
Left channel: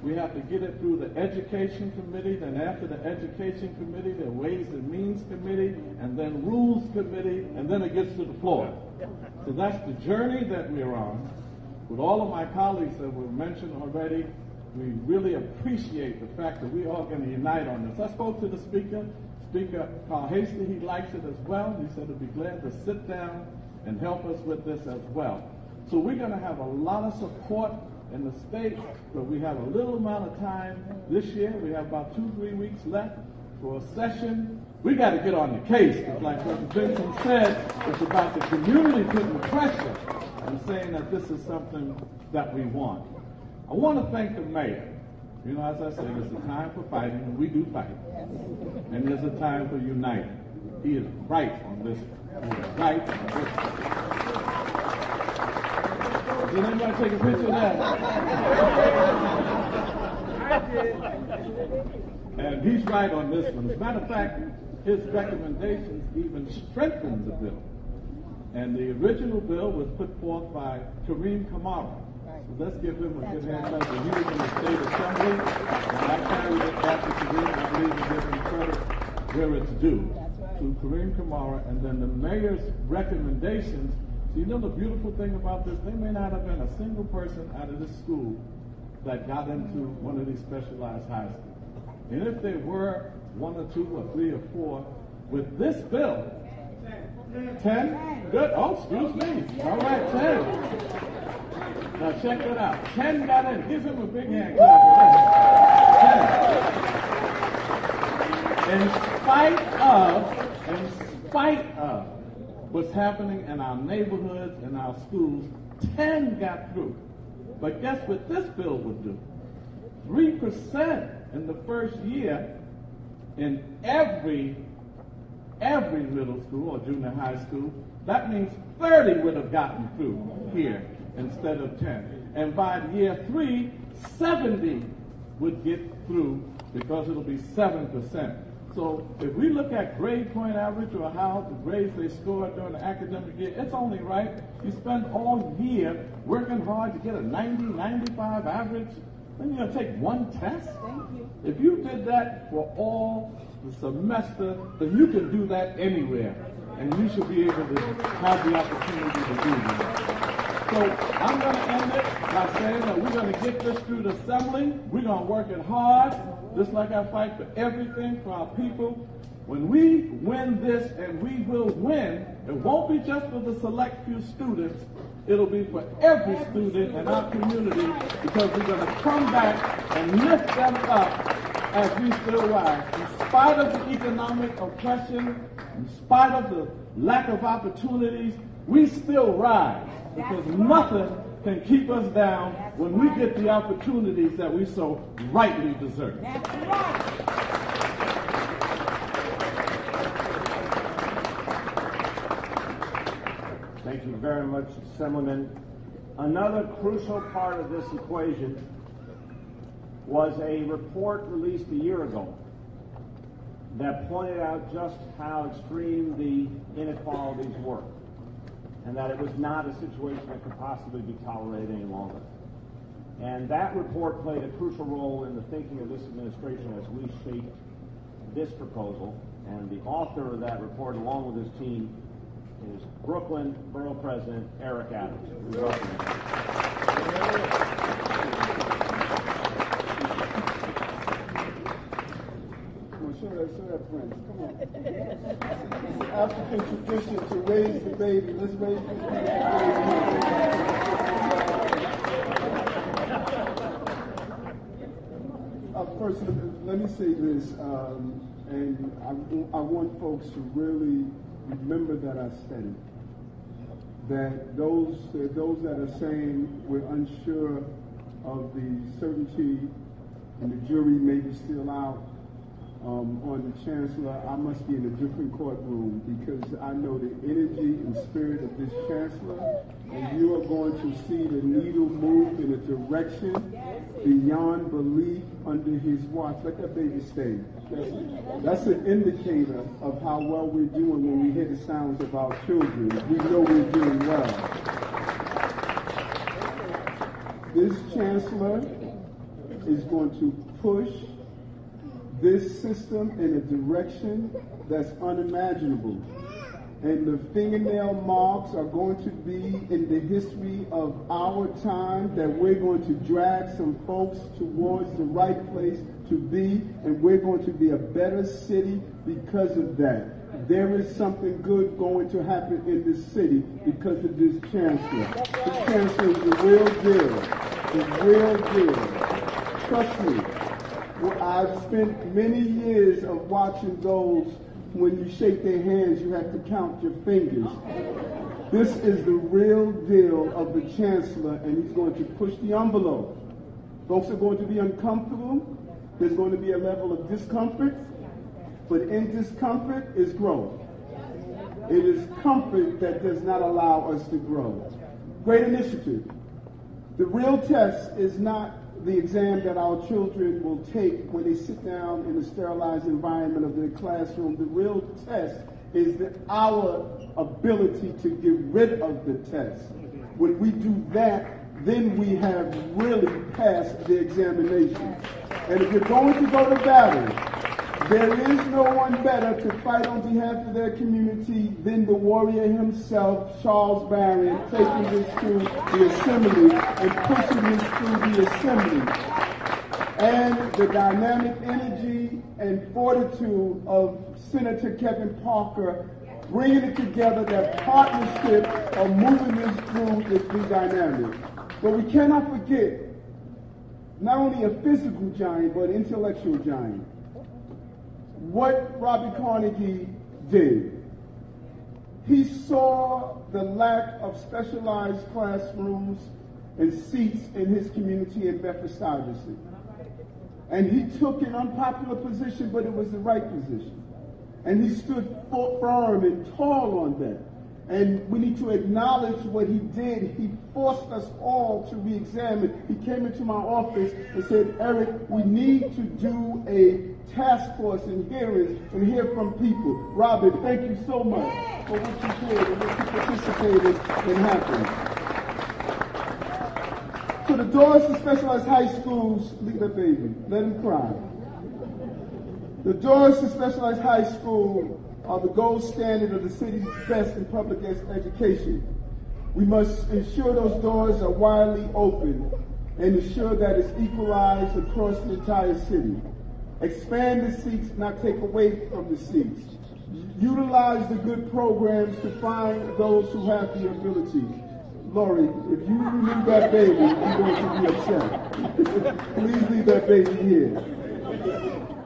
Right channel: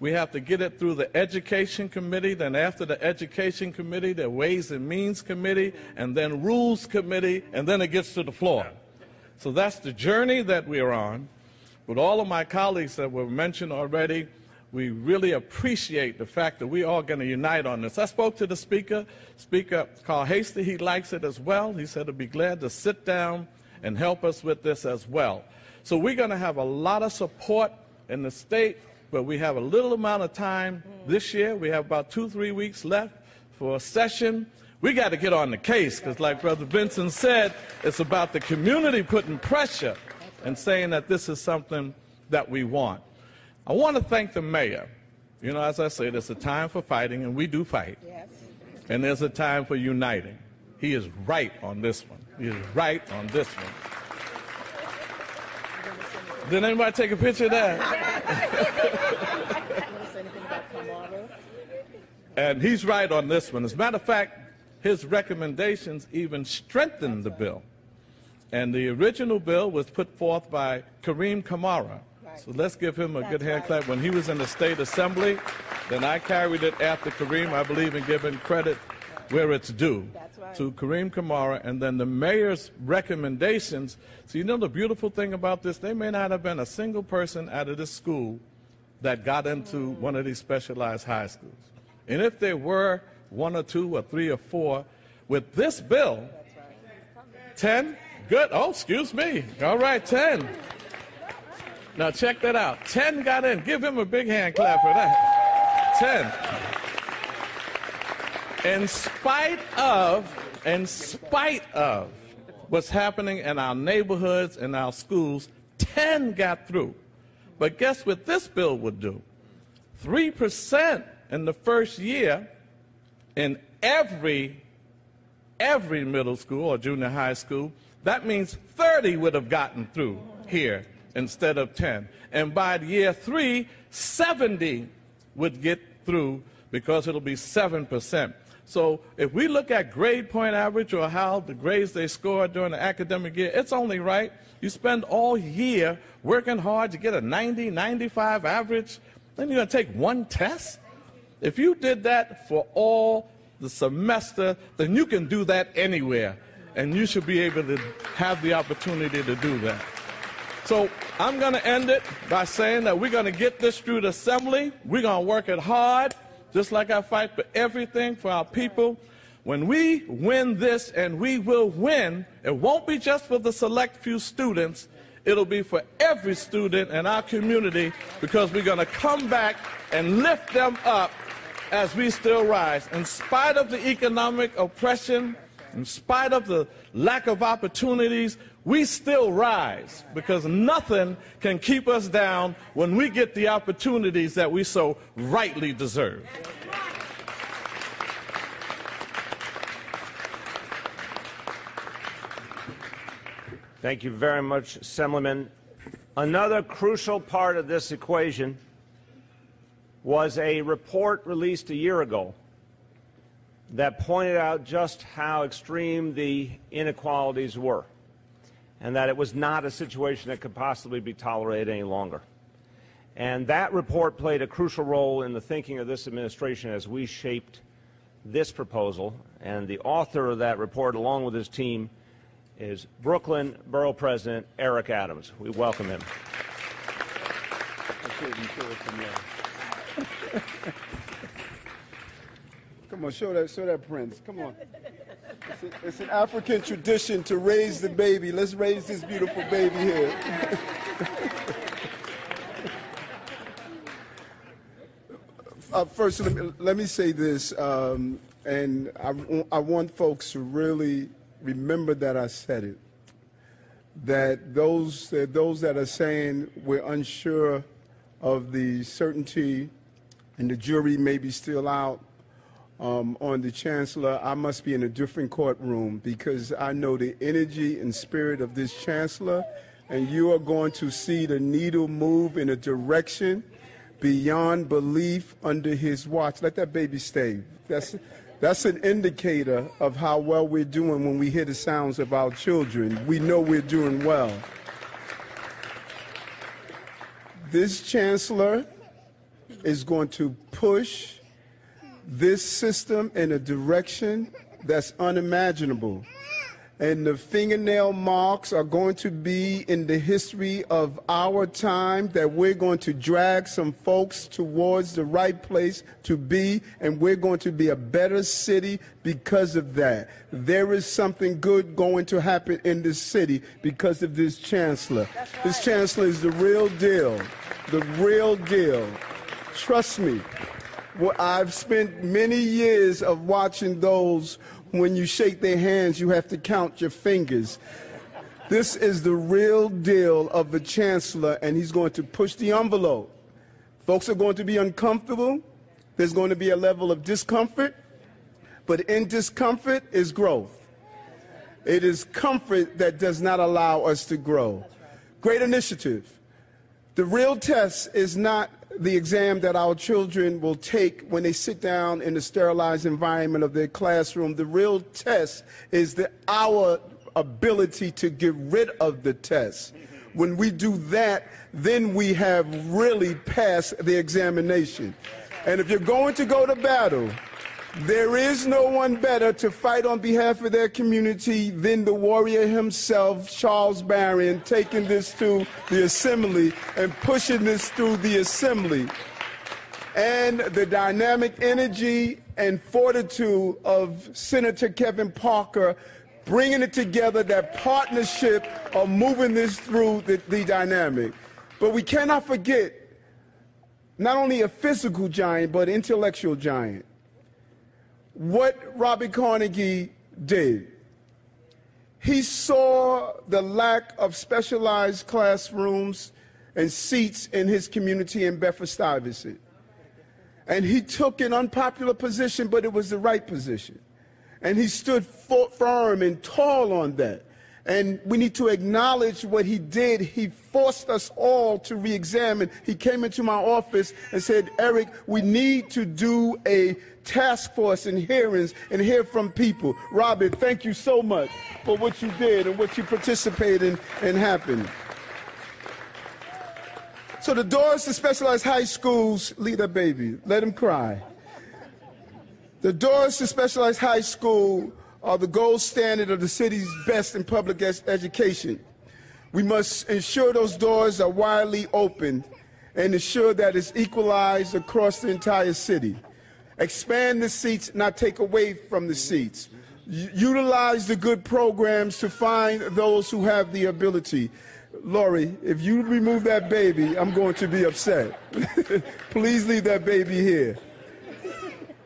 We have to get it through the Education Committee, then after the Education Committee, the Ways and Means Committee, and then Rules Committee, and then it gets to the floor. So that's the journey that we're on. With all of my colleagues that were mentioned already, we really appreciate the fact that we're all going to unite on this. I spoke to the Speaker, Speaker Carl Hasty. He likes it as well. He said he'd be glad to sit down and help us with this as well. So we're going to have a lot of support in the state, but we have a little amount of time this year. We have about 2-3 weeks left for a session. We got to get on the case, because like Brother Benson said, it's about the community putting pressure and saying that this is something that we want. I want to thank the mayor. You know, as I say, there's a time for fighting, and we do fight. And there's a time for uniting. He is right on this one. He is right on this one. Did anybody take a picture of that? And he's right on this one. As a matter of fact, his recommendations even strengthened the bill. And the original bill was put forth by Kareem Kamara. So let's give him a good hand clap. When he was in the State Assembly, then I carried it after Kareem. I believe in giving credit where it's due to Kareem Kamara, and then the mayor's recommendations. So you know the beautiful thing about this, there may not have been a single person out of this school that got into one of these specialized high schools. And if there were 1 or 2 or 3 or 4, with this bill, 10? Good. Oh, excuse me. All right, 10. Now check that out. 10 got in. Give him a big hand clap for that. 10. In spite of what's happening in our neighborhoods and our schools, 10 got through. But guess what this bill would do? 3% in the first year in every middle school or junior high school. That means 30 would have gotten through here instead of 10. And by year 3, 70 would get through because it'll be 7%. So if we look at grade point average or how the grades they score during the academic year, it's only right. You spend all year working hard to get a 90, 95 average, then you're going to take one test? If you did that for all the semester, then you can do that anywhere. And you should be able to have the opportunity to do that. So I'm going to end it by saying that we're going to get this through the assembly. We're going to work it hard, just like I fight for everything for our people. When we win this, and we will win, it won't be just for the select few students. It'll be for every student in our community, because we're going to come back and lift them up as we still rise. In spite of the economic oppression, in spite of the lack of opportunities, we still rise, because nothing can keep us down when we get the opportunities that we so rightly deserve. Thank you very much, Assemblyman. Another crucial part of this equation was a report released a year ago that pointed out just how extreme the inequalities were, and that it was not a situation that could possibly be tolerated any longer. And that report played a crucial role in the thinking of this administration as we shaped this proposal. And the author of that report, along with his team, is Brooklyn Borough President Eric Adams. We welcome him. Come on, show that prince. Come on. It's an African tradition to raise the baby. Let's raise this beautiful baby here. First, let me say this, and I want folks to really remember that I said it. That those that are saying we're unsure of the certainty and the jury may be still out on the chancellor, I must be in a different courtroom, because I know the energy and spirit of this chancellor, and you are going to see the needle move in a direction beyond belief under his watch. Let that baby stay. That's an indicator of how well we're doing when we hear the sounds of our children. We know we're doing well. This chancellor is going to push this system in a direction that's unimaginable. And the fingernail marks are going to be in the history of our time, that we're going to drag some folks towards the right place to be, and we're going to be a better city because of that. There is something good going to happen in this city because of this chancellor. This chancellor is the real deal, the real deal. Trust me. Well, I've spent many years of watching those. When you shake their hands, you have to count your fingers. This is the real deal of the chancellor, and he's going to push the envelope. Folks are going to be uncomfortable. There's going to be a level of discomfort, but in discomfort is growth. It is comfort that does not allow us to grow. Great initiative. The real test is not the exam that our children will take when they sit down in the sterilized environment of their classroom. The real test is our ability to get rid of the test. When we do that, then we have really passed the examination. And if you're going to go to battle, there is no one better to fight on behalf of their community than the warrior himself, Charles Barron, taking this to the assembly and pushing this through the assembly. And the dynamic energy and fortitude of Senator Kevin Parker bringing it together, that partnership of moving this through the dynamic. But we cannot forget not only a physical giant, but an intellectual giant. What Robert Carnegie did, he saw the lack of specialized classrooms and seats in his community in Bedford-Stuyvesant. And he took an unpopular position, but it was the right position. And he stood firm and tall on that. And we need to acknowledge what he did. He forced us all to re-examine. He came into my office and said, Eric, we need to do a task force and hearings and hear from people. Robert, thank you so much for what you did and what you participated in happening. So the doors to specialized high schools, leave that baby, let him cry. The doors to specialized high school are the gold standard of the city's best in public education. We must ensure those doors are widely open and ensure that it's equalized across the entire city. Expand the seats, not take away from the seats. Utilize the good programs to find those who have the ability. Lori, if you remove that baby, I'm going to be upset. Please leave that baby here.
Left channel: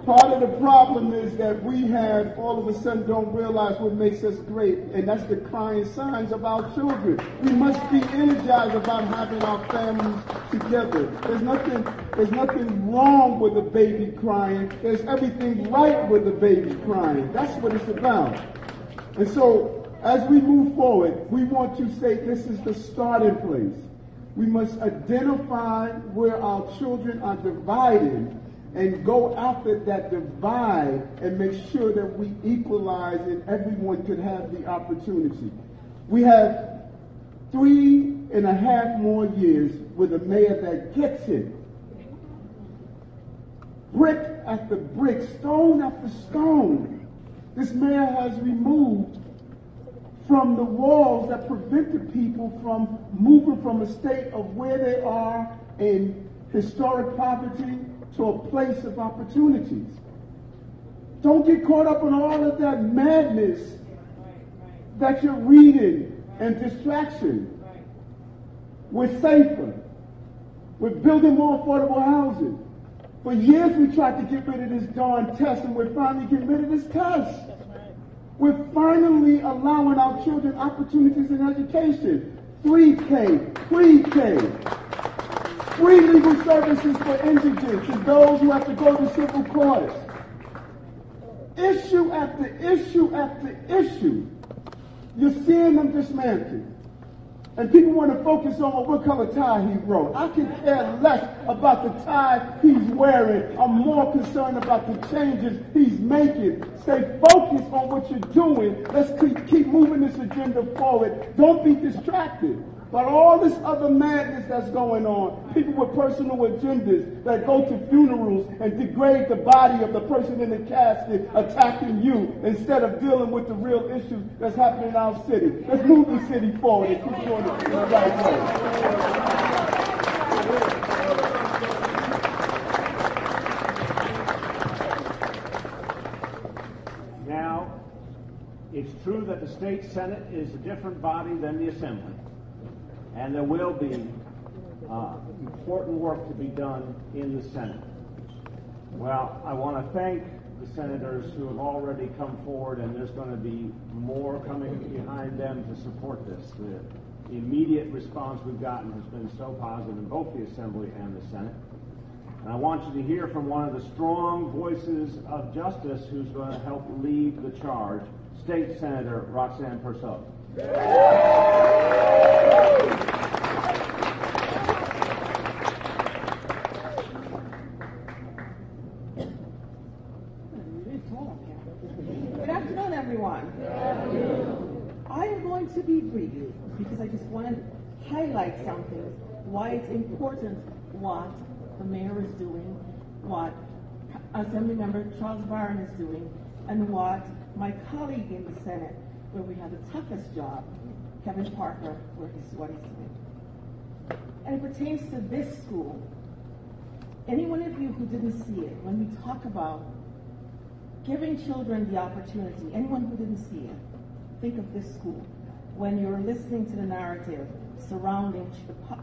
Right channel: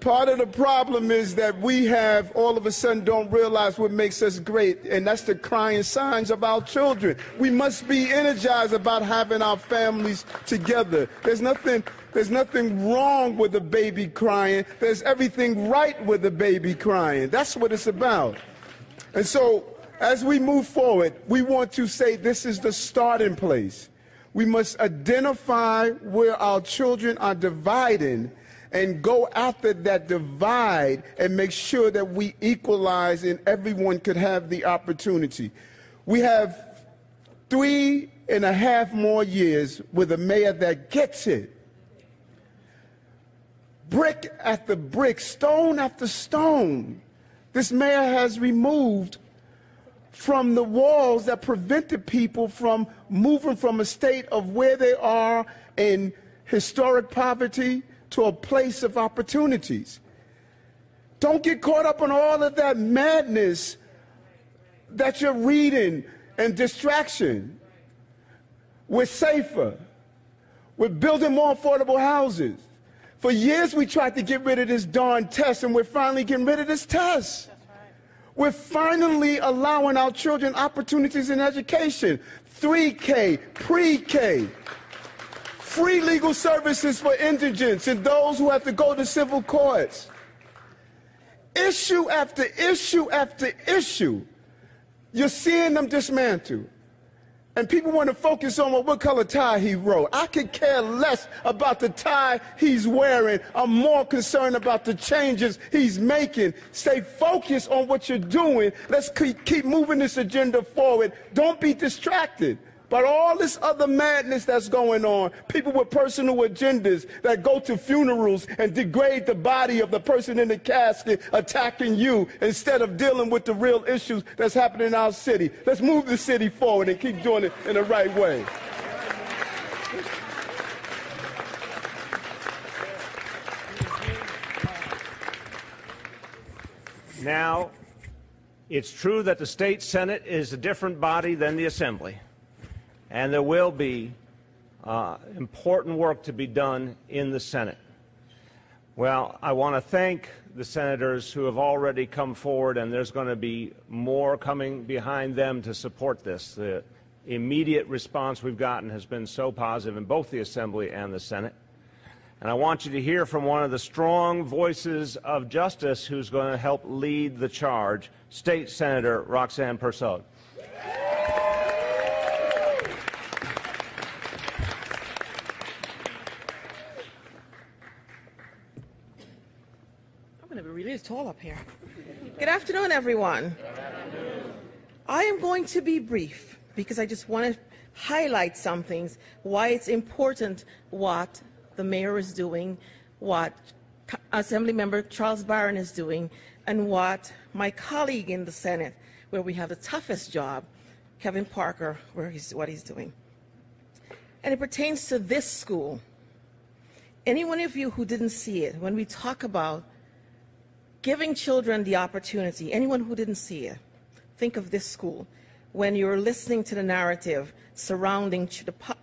Part of the problem is that we have all of a sudden don't realize what makes us great, and that's the crying signs of our children. We must be energized about having our families together. There's nothing wrong with a baby crying. There's everything right with a baby crying. That's what it's about. And so as we move forward, we want to say this is the starting place. We must identify where our children are divided and go after that divide and make sure that we equalize and everyone can have the opportunity. We have 3.5 more years with a mayor that gets it. Brick after brick, stone after stone, this mayor has removed from the walls that prevented people from moving from a state of where they are in historic poverty to a place of opportunities. Don't get caught up in all of that madness that you're reading and distraction. We're safer. We're building more affordable houses. For years we tried to get rid of this darn test, and we're finally getting rid of this test. We're finally allowing our children opportunities in education. 3K, pre-K. Free legal services for indigents and those who have to go to civil courts. Issue after issue after issue, you're seeing them dismantle. And people want to focus on what color tie he wore. I could care less about the tie he's wearing. I'm more concerned about the changes he's making. Stay focused on what you're doing. Let's keep moving this agenda forward. Don't be distracted. But all this other madness that's going on, people with personal agendas that go to funerals and degrade the body of the person in the casket attacking you instead of dealing with the real issues that's happening in our city. Let's move the city forward and keep doing it in the right way. Now, it's true that the state Senate is a different body than the Assembly. And there will be important work to be done in the Senate. Well, I want to thank the senators who have already come forward, and there's going to be more coming behind them to support this. The immediate response we've gotten has been so positive in both the Assembly and the Senate. And I want you to hear from one of the strong voices of justice who's going to help lead the charge, State Senator Roxanne Persaud. Tall up here. Good afternoon, everyone. I am going to be brief because I just want to highlight some things, why it's important what the mayor is doing, what Assemblymember Charles Barron is doing, and what my colleague in the Senate, where we have the toughest job, Kevin Parker, what he's doing. And it pertains to this school. Any one of you who didn't see it, when we talk about giving children the opportunity, anyone who didn't see it, think of this school. When you're listening to the narrative surrounding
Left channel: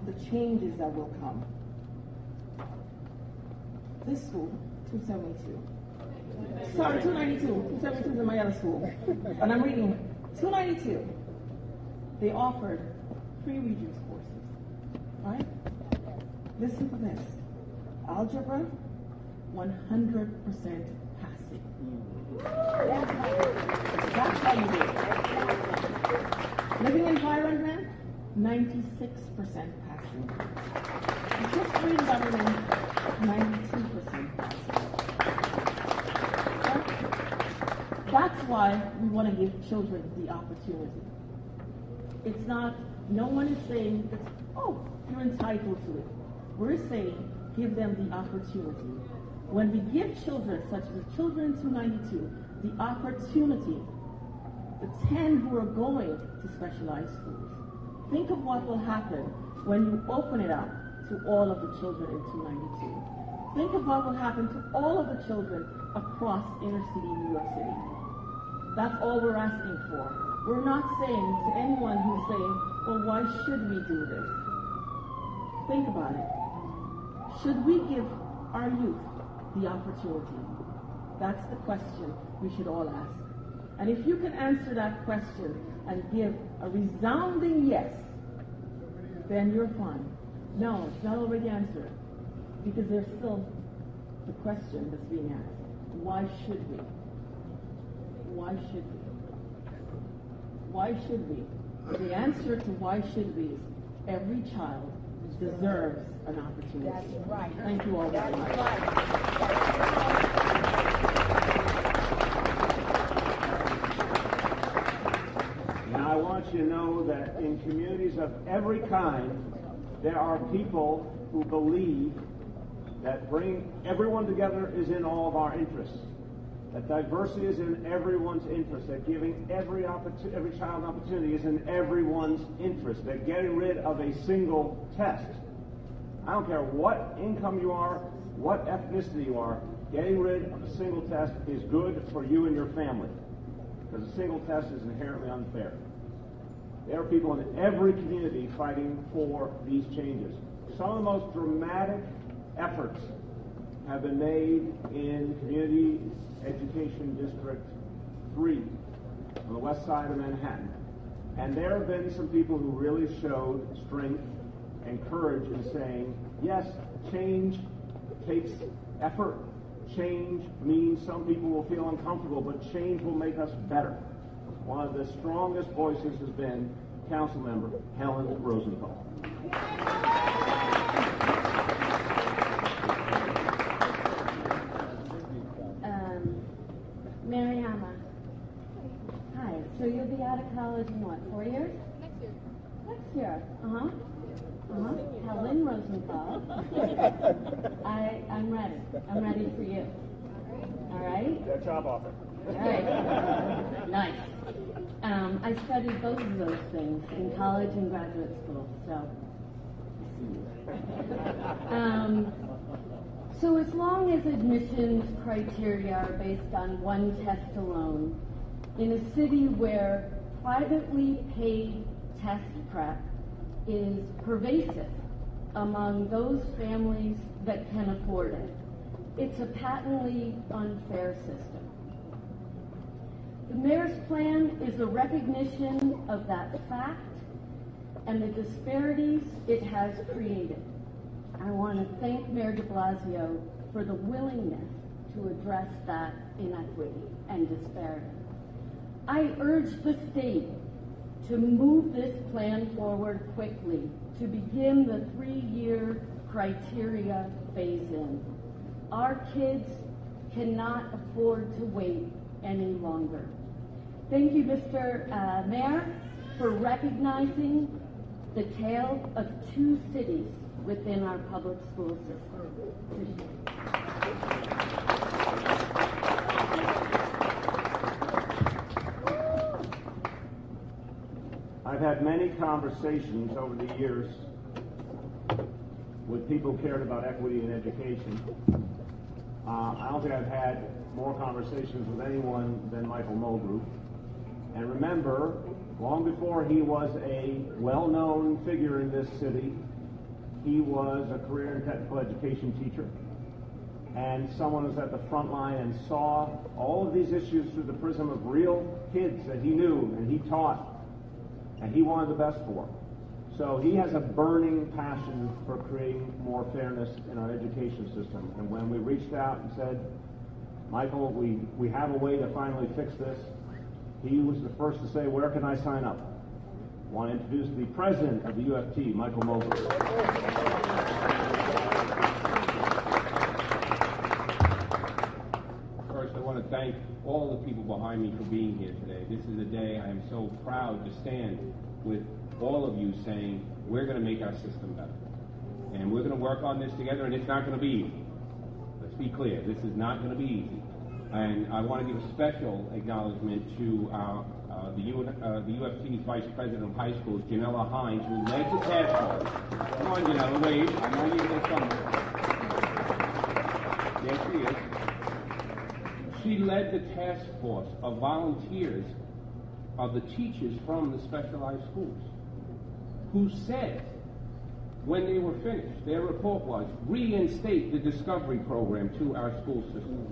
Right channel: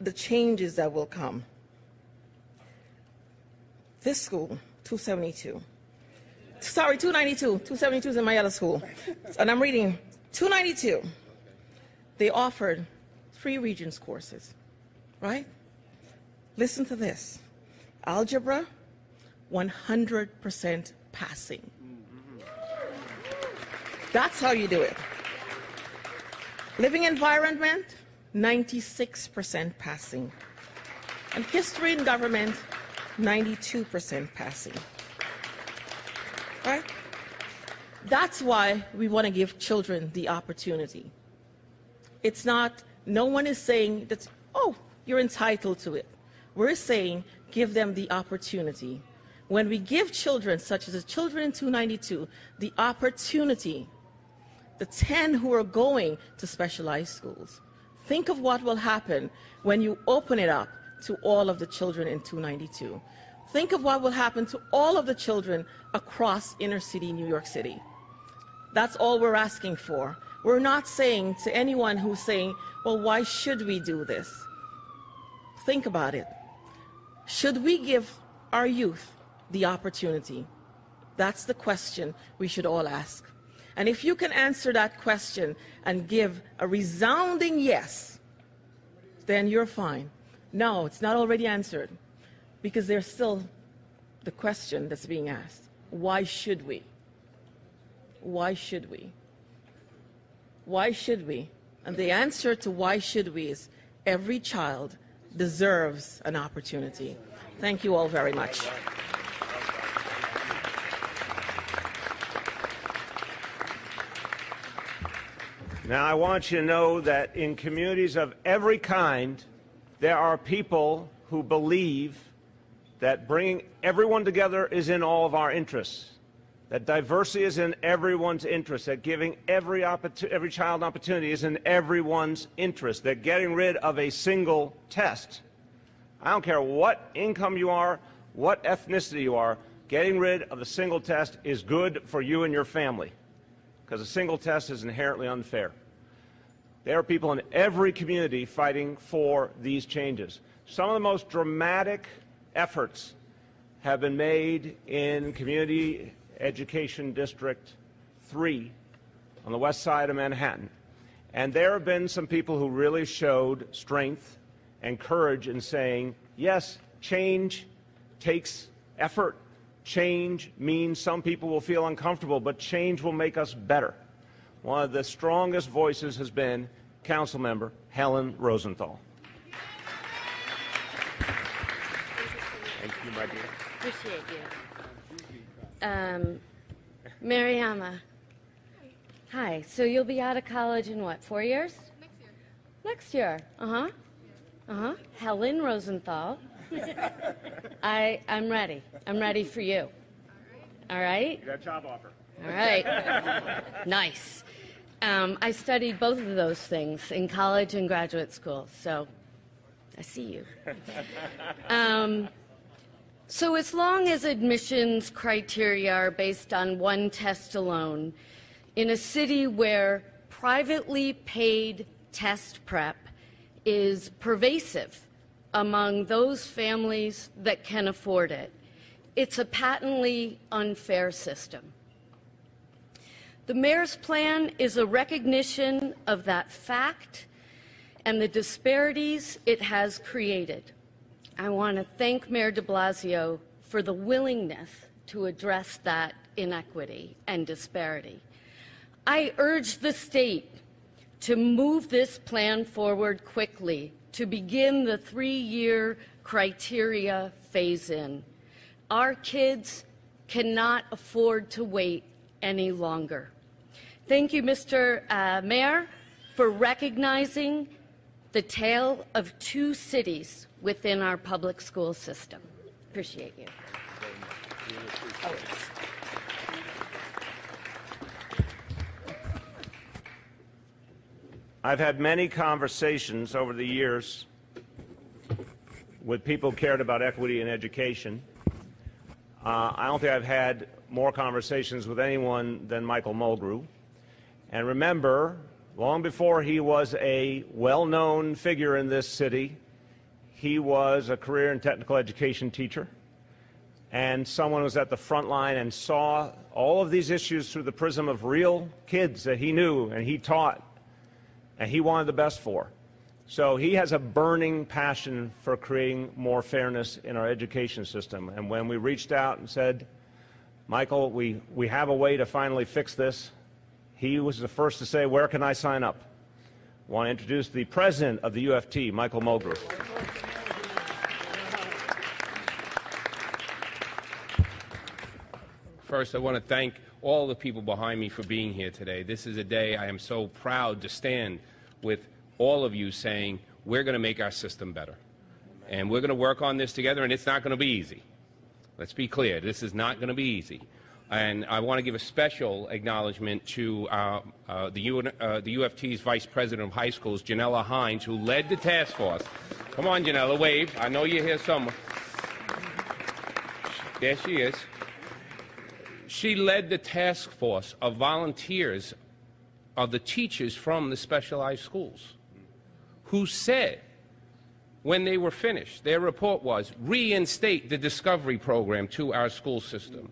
the changes that will come. This school, 292. Sorry, 292. 272 is in my other school. And I'm reading 292. They offered 3 Regents courses, right? Listen to this. Algebra, 100% passing. That's how you do it. Living environment, 96% passing. And history and government, 92% passing. Right? That's why we want to give children the opportunity. It's not, no one is saying that, oh, you're entitled to it. We're saying give them the opportunity. When we give children, such as the children in 292, the opportunity, the 10 who are going to specialized schools, think of what will happen when you open it up to all of the children in 292. Think of what will happen to all of the children across inner city New York City. That's all we're asking for. We're not saying to anyone who's saying, well, why should we do this? Think about it. Should we give our youth the opportunity? That's the question we should all ask. And if you can answer that question and give a resounding yes, then you're fine. No, it's not already answered, because there's still the question that's being asked. Why should we? Why should we? Why should we? And the answer to why should we is every child deserves an opportunity. Thank you all very much. Now, I want you to know that in communities of every kind, there are people who believe that bringing everyone together is in all of our interests, that diversity is in everyone's interest, that giving every child an opportunity is in everyone's interest, that getting rid of a single test, I don't care what income you are, what ethnicity you are, getting rid of a single test is good for you and your family, because a single test is inherently unfair. There are people in every community fighting for these changes. Some of the most dramatic efforts have been made in Community Education District 3 on the west side of Manhattan. And there have been some people who really showed strength and courage in saying, yes, change takes effort. Change means some people will feel uncomfortable, but change will make us better. One of the strongest voices has been Councilmember Helen Rosenthal. Mariama. Hi. So you'll be out of college in what, 4 years? Next year. Next year. Helen Rosenthal. I'm ready. I'm ready for you. All right? Got a job offer. All right. Nice. I studied both of those things in college and graduate school, so I see you. So as long as admissions criteria are based on one test alone, in a city where privately paid test prep is pervasive among those families that can afford it, it's a patently unfair system. The mayor's plan is a recognition of that fact and the disparities it has created. I want to thank Mayor de Blasio for the willingness to address that inequity and disparity. I urge the state to move this plan forward quickly to begin the 3-year criteria phase-in. Our kids cannot afford to wait any longer. Thank you, Mr. Mayor, for recognizing the tale of 2 cities within our public school system. Appreciate you. I've had many conversations over the years with people who cared about equity in education. I don't think I've had more conversations with anyone than Michael Mulgrew. And remember, long before he was a well-known figure in this city, he was a career and technical education teacher, and someone who was at the front line and saw all of these issues through the prism of real kids that he knew and he taught and he wanted the best for. So he has a burning passion for creating more fairness in our education system. And when we reached out and said, Michael, we have a way to finally fix this, he was the first to say, where can I sign up? I want to introduce the president of the UFT, Michael Mulgrew. First, I want to thank all the people behind me for being here today. This is a day I am so proud to stand with all of you saying, we're going to make our system better. And we're going to work on this together, and it's not going to be easy. Let's be clear, this is not going to be easy. And I want to give a special acknowledgement to the UFT's Vice President of High Schools, Janella Hines, who led the task force. Come on, Janella, wave. I know you're here somewhere. There she is. She led the task force of volunteers of the teachers from the specialized schools who said, when they were finished, their report was, reinstate the discovery program to our school system.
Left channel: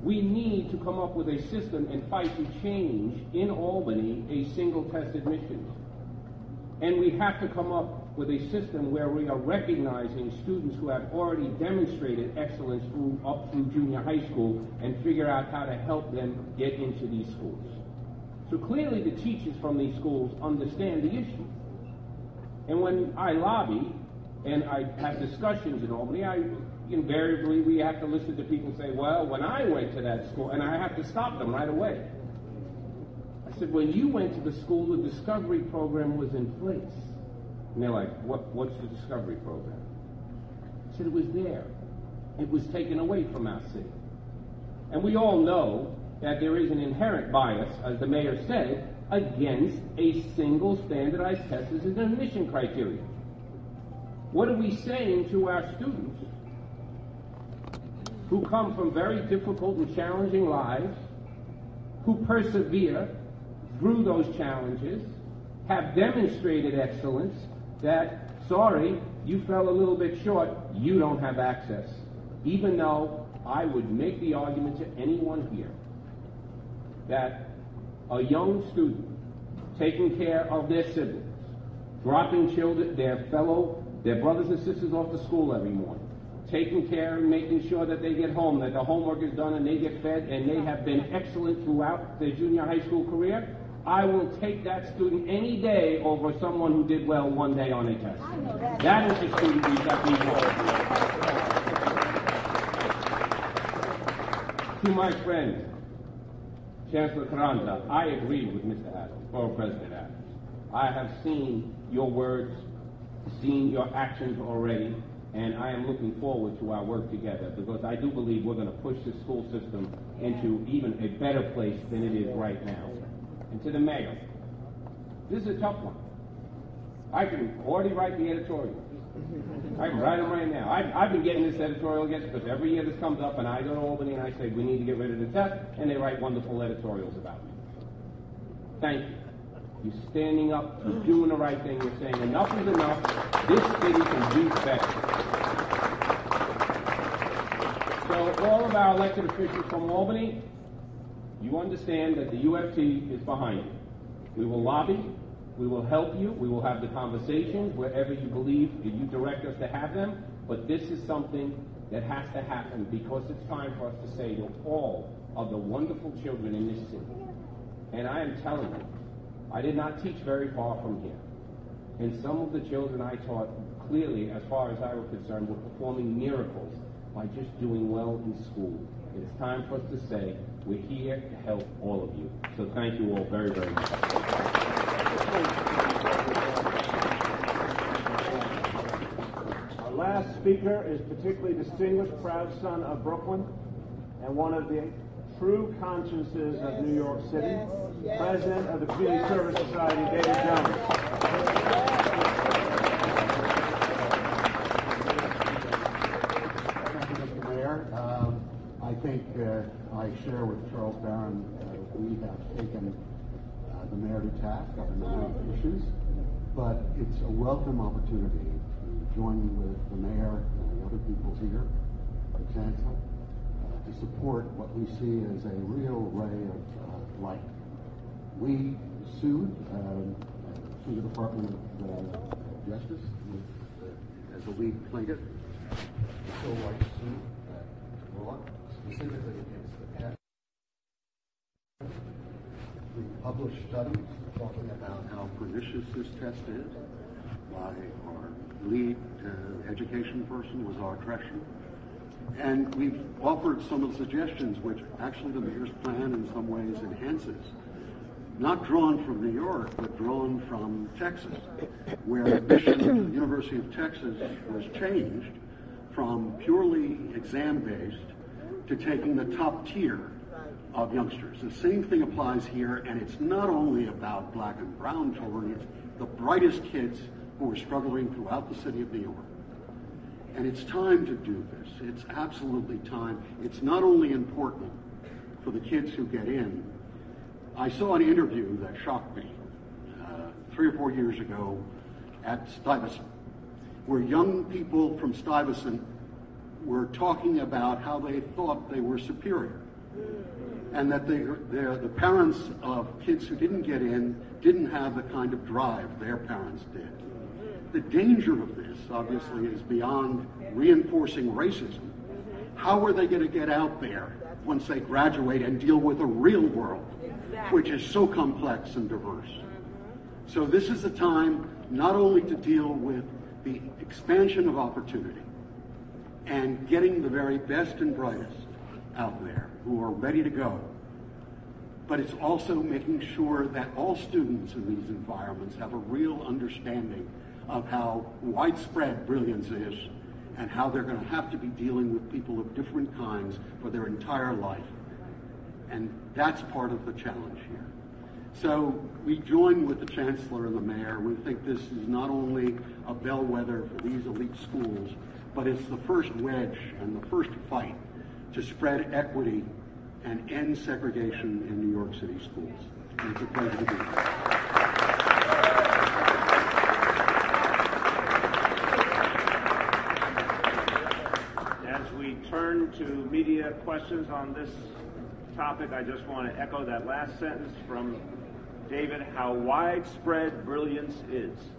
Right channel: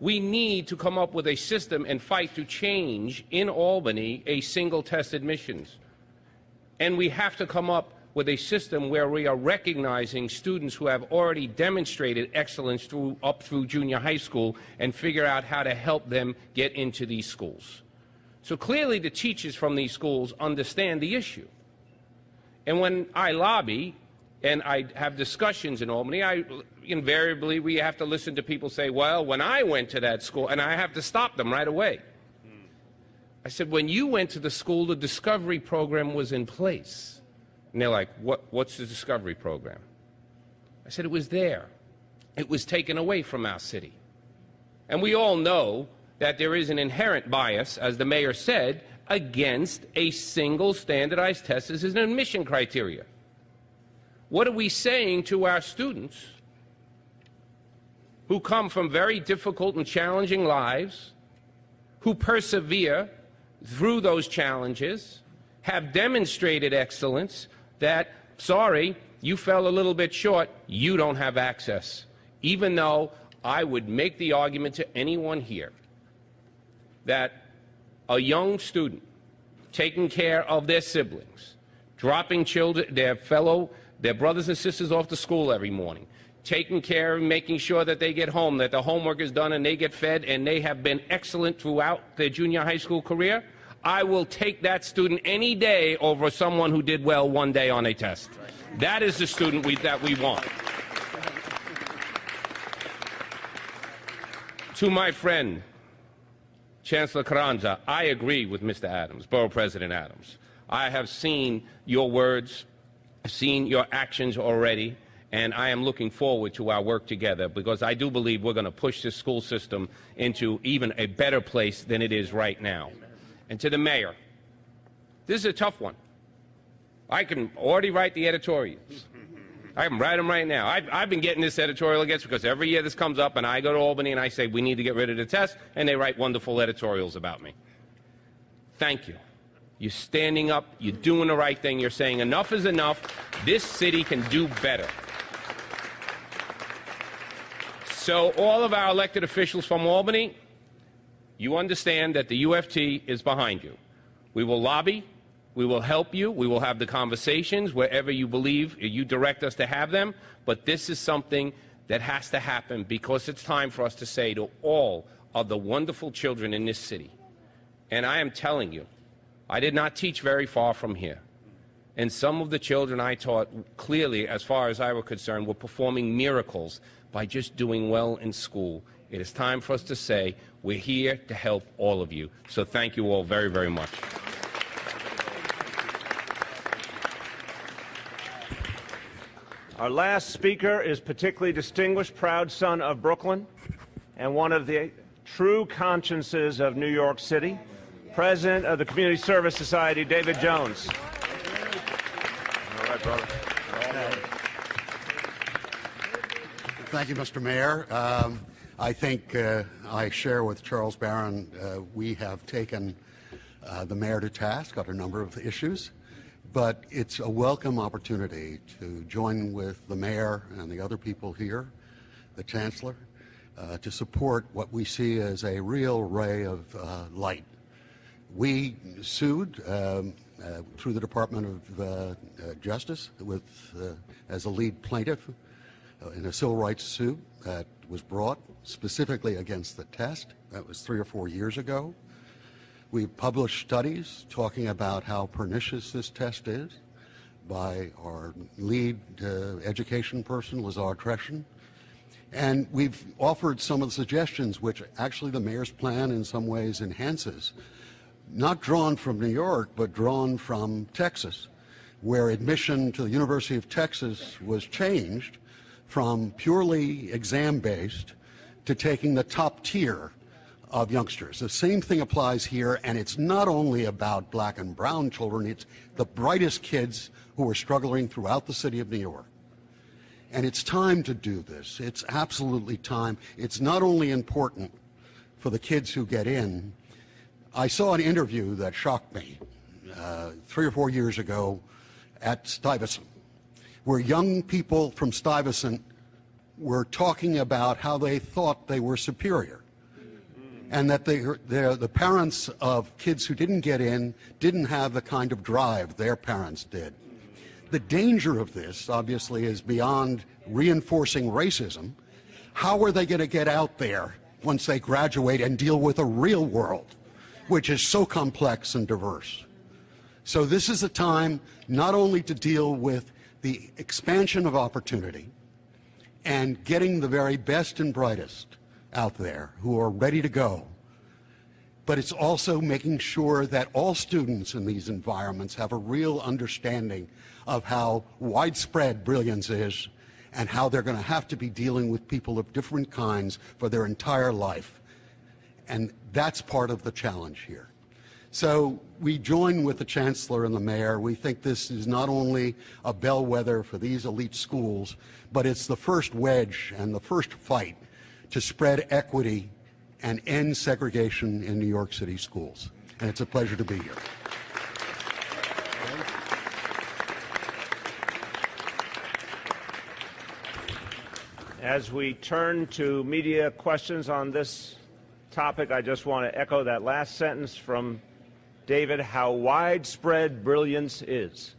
We need to come up with a system and fight to change in Albany a single test admissions. And we have to come up with a system where we are recognizing students who have already demonstrated excellence up through junior high school and figure out how to help them get into these schools. So clearly the teachers from these schools understand the issue. And when I lobby and I have discussions in Albany, invariably we have to listen to people say, well, when I went to that school, and I have to stop them right away. I said, when you went to the school, the discovery program was in place. And they're like, what's the discovery program? I said, it was there. It was taken away from our city. And we all know that there is an inherent bias, as the mayor said, against a single standardized test as an admission criteria. What are we saying to our students who come from very difficult and challenging lives, who persevere through those challenges, have demonstrated excellence, that, sorry, you fell a little bit short, you don't have access. Even though I would make the argument to anyone here that a young student taking care of their siblings, dropping children, their brothers and sisters off to school every morning, taking care and making sure that they get home, that the homework is done and they get fed, and they have been excellent throughout their junior high school career, I will take that student any day over someone who did well one day on a test. That is the student that we want. To my friend, Chancellor Carranza, I agree with Mr. Adams, Borough President Adams. I have seen your words, seen your actions already, and I am looking forward to our work together, because I do believe we're going to push this school system into even a better place than it is right now. And to the mayor, this is a tough one. I can already write the editorials. I can write them right now. I've been getting this editorial against, because every year this comes up and I go to Albany and I say, we need to get rid of the test, and they write wonderful editorials about me. Thank you. You're standing up, you're doing the right thing, you're saying enough is enough, this city can do better. So all of our elected officials from Albany, you understand that the UFT is behind you. We will lobby, We will help you. We will have the conversations wherever you believe you direct us to have them. But this is something that has to happen because it's time for us to say to all of the wonderful children in this city, and I am telling you, I did not teach very far from here. And some of the children I taught clearly, as far as I were concerned, were performing miracles by just doing well in school. It is time for us to say, we're here to help all of you. So thank you all very, very much. Our last speaker is particularly distinguished, proud son of Brooklyn, and one of the true consciences of New York City, President of the Community Service Society, David Jones. Thank you, Mr. Mayor. I think I share with Charles Barron. We have taken the mayor to task on a number of issues, but it's a welcome opportunity to join with the mayor and the other people here, the chancellor, to support what we see as a real ray of light. We sued through the Department of Justice with as a lead plaintiff in a civil rights suit that was brought specifically against the test. That was 3 or 4 years ago. We published studies talking about how pernicious this test is by our lead education person, Lazar Treshan. And we've offered some of the suggestions which actually the mayor's plan in some ways enhances, not drawn from New York, but drawn from Texas, where admission to the University of Texas was changed from purely exam-based to taking the top tier of youngsters. The same thing applies here, and it's not only about black and brown children, it's the brightest kids who are struggling throughout the city of New York. And it's time to do this. It's absolutely time. It's not only important for the kids who get in. I saw an interview that shocked me 3 or 4 years ago at Stuyvesant, where young people from Stuyvesant were talking about how they thought they were superior, and that the parents of kids who didn't get in didn't have the kind of drive their parents did. The danger of this, obviously, is beyond reinforcing racism. How are they going to get out there once they graduate and deal with a real world, which is so complex and diverse? So this is a time not only to deal with the expansion of opportunity and getting the very best and brightest out there who are ready to go, but it's also making sure that all students in these environments have a real understanding of how widespread brilliance is and how they're going to have to be dealing with people of different kinds for their entire life. And that's part of the challenge here. So we join with the chancellor and the mayor. We think this is not only a bellwether for these elite schools, but it's the first wedge and the first fight to spread equity and end segregation in New York City schools. And it's a pleasure to be here. As we turn to media questions on this topic, I just want to echo that last sentence from David, how widespread brilliance is.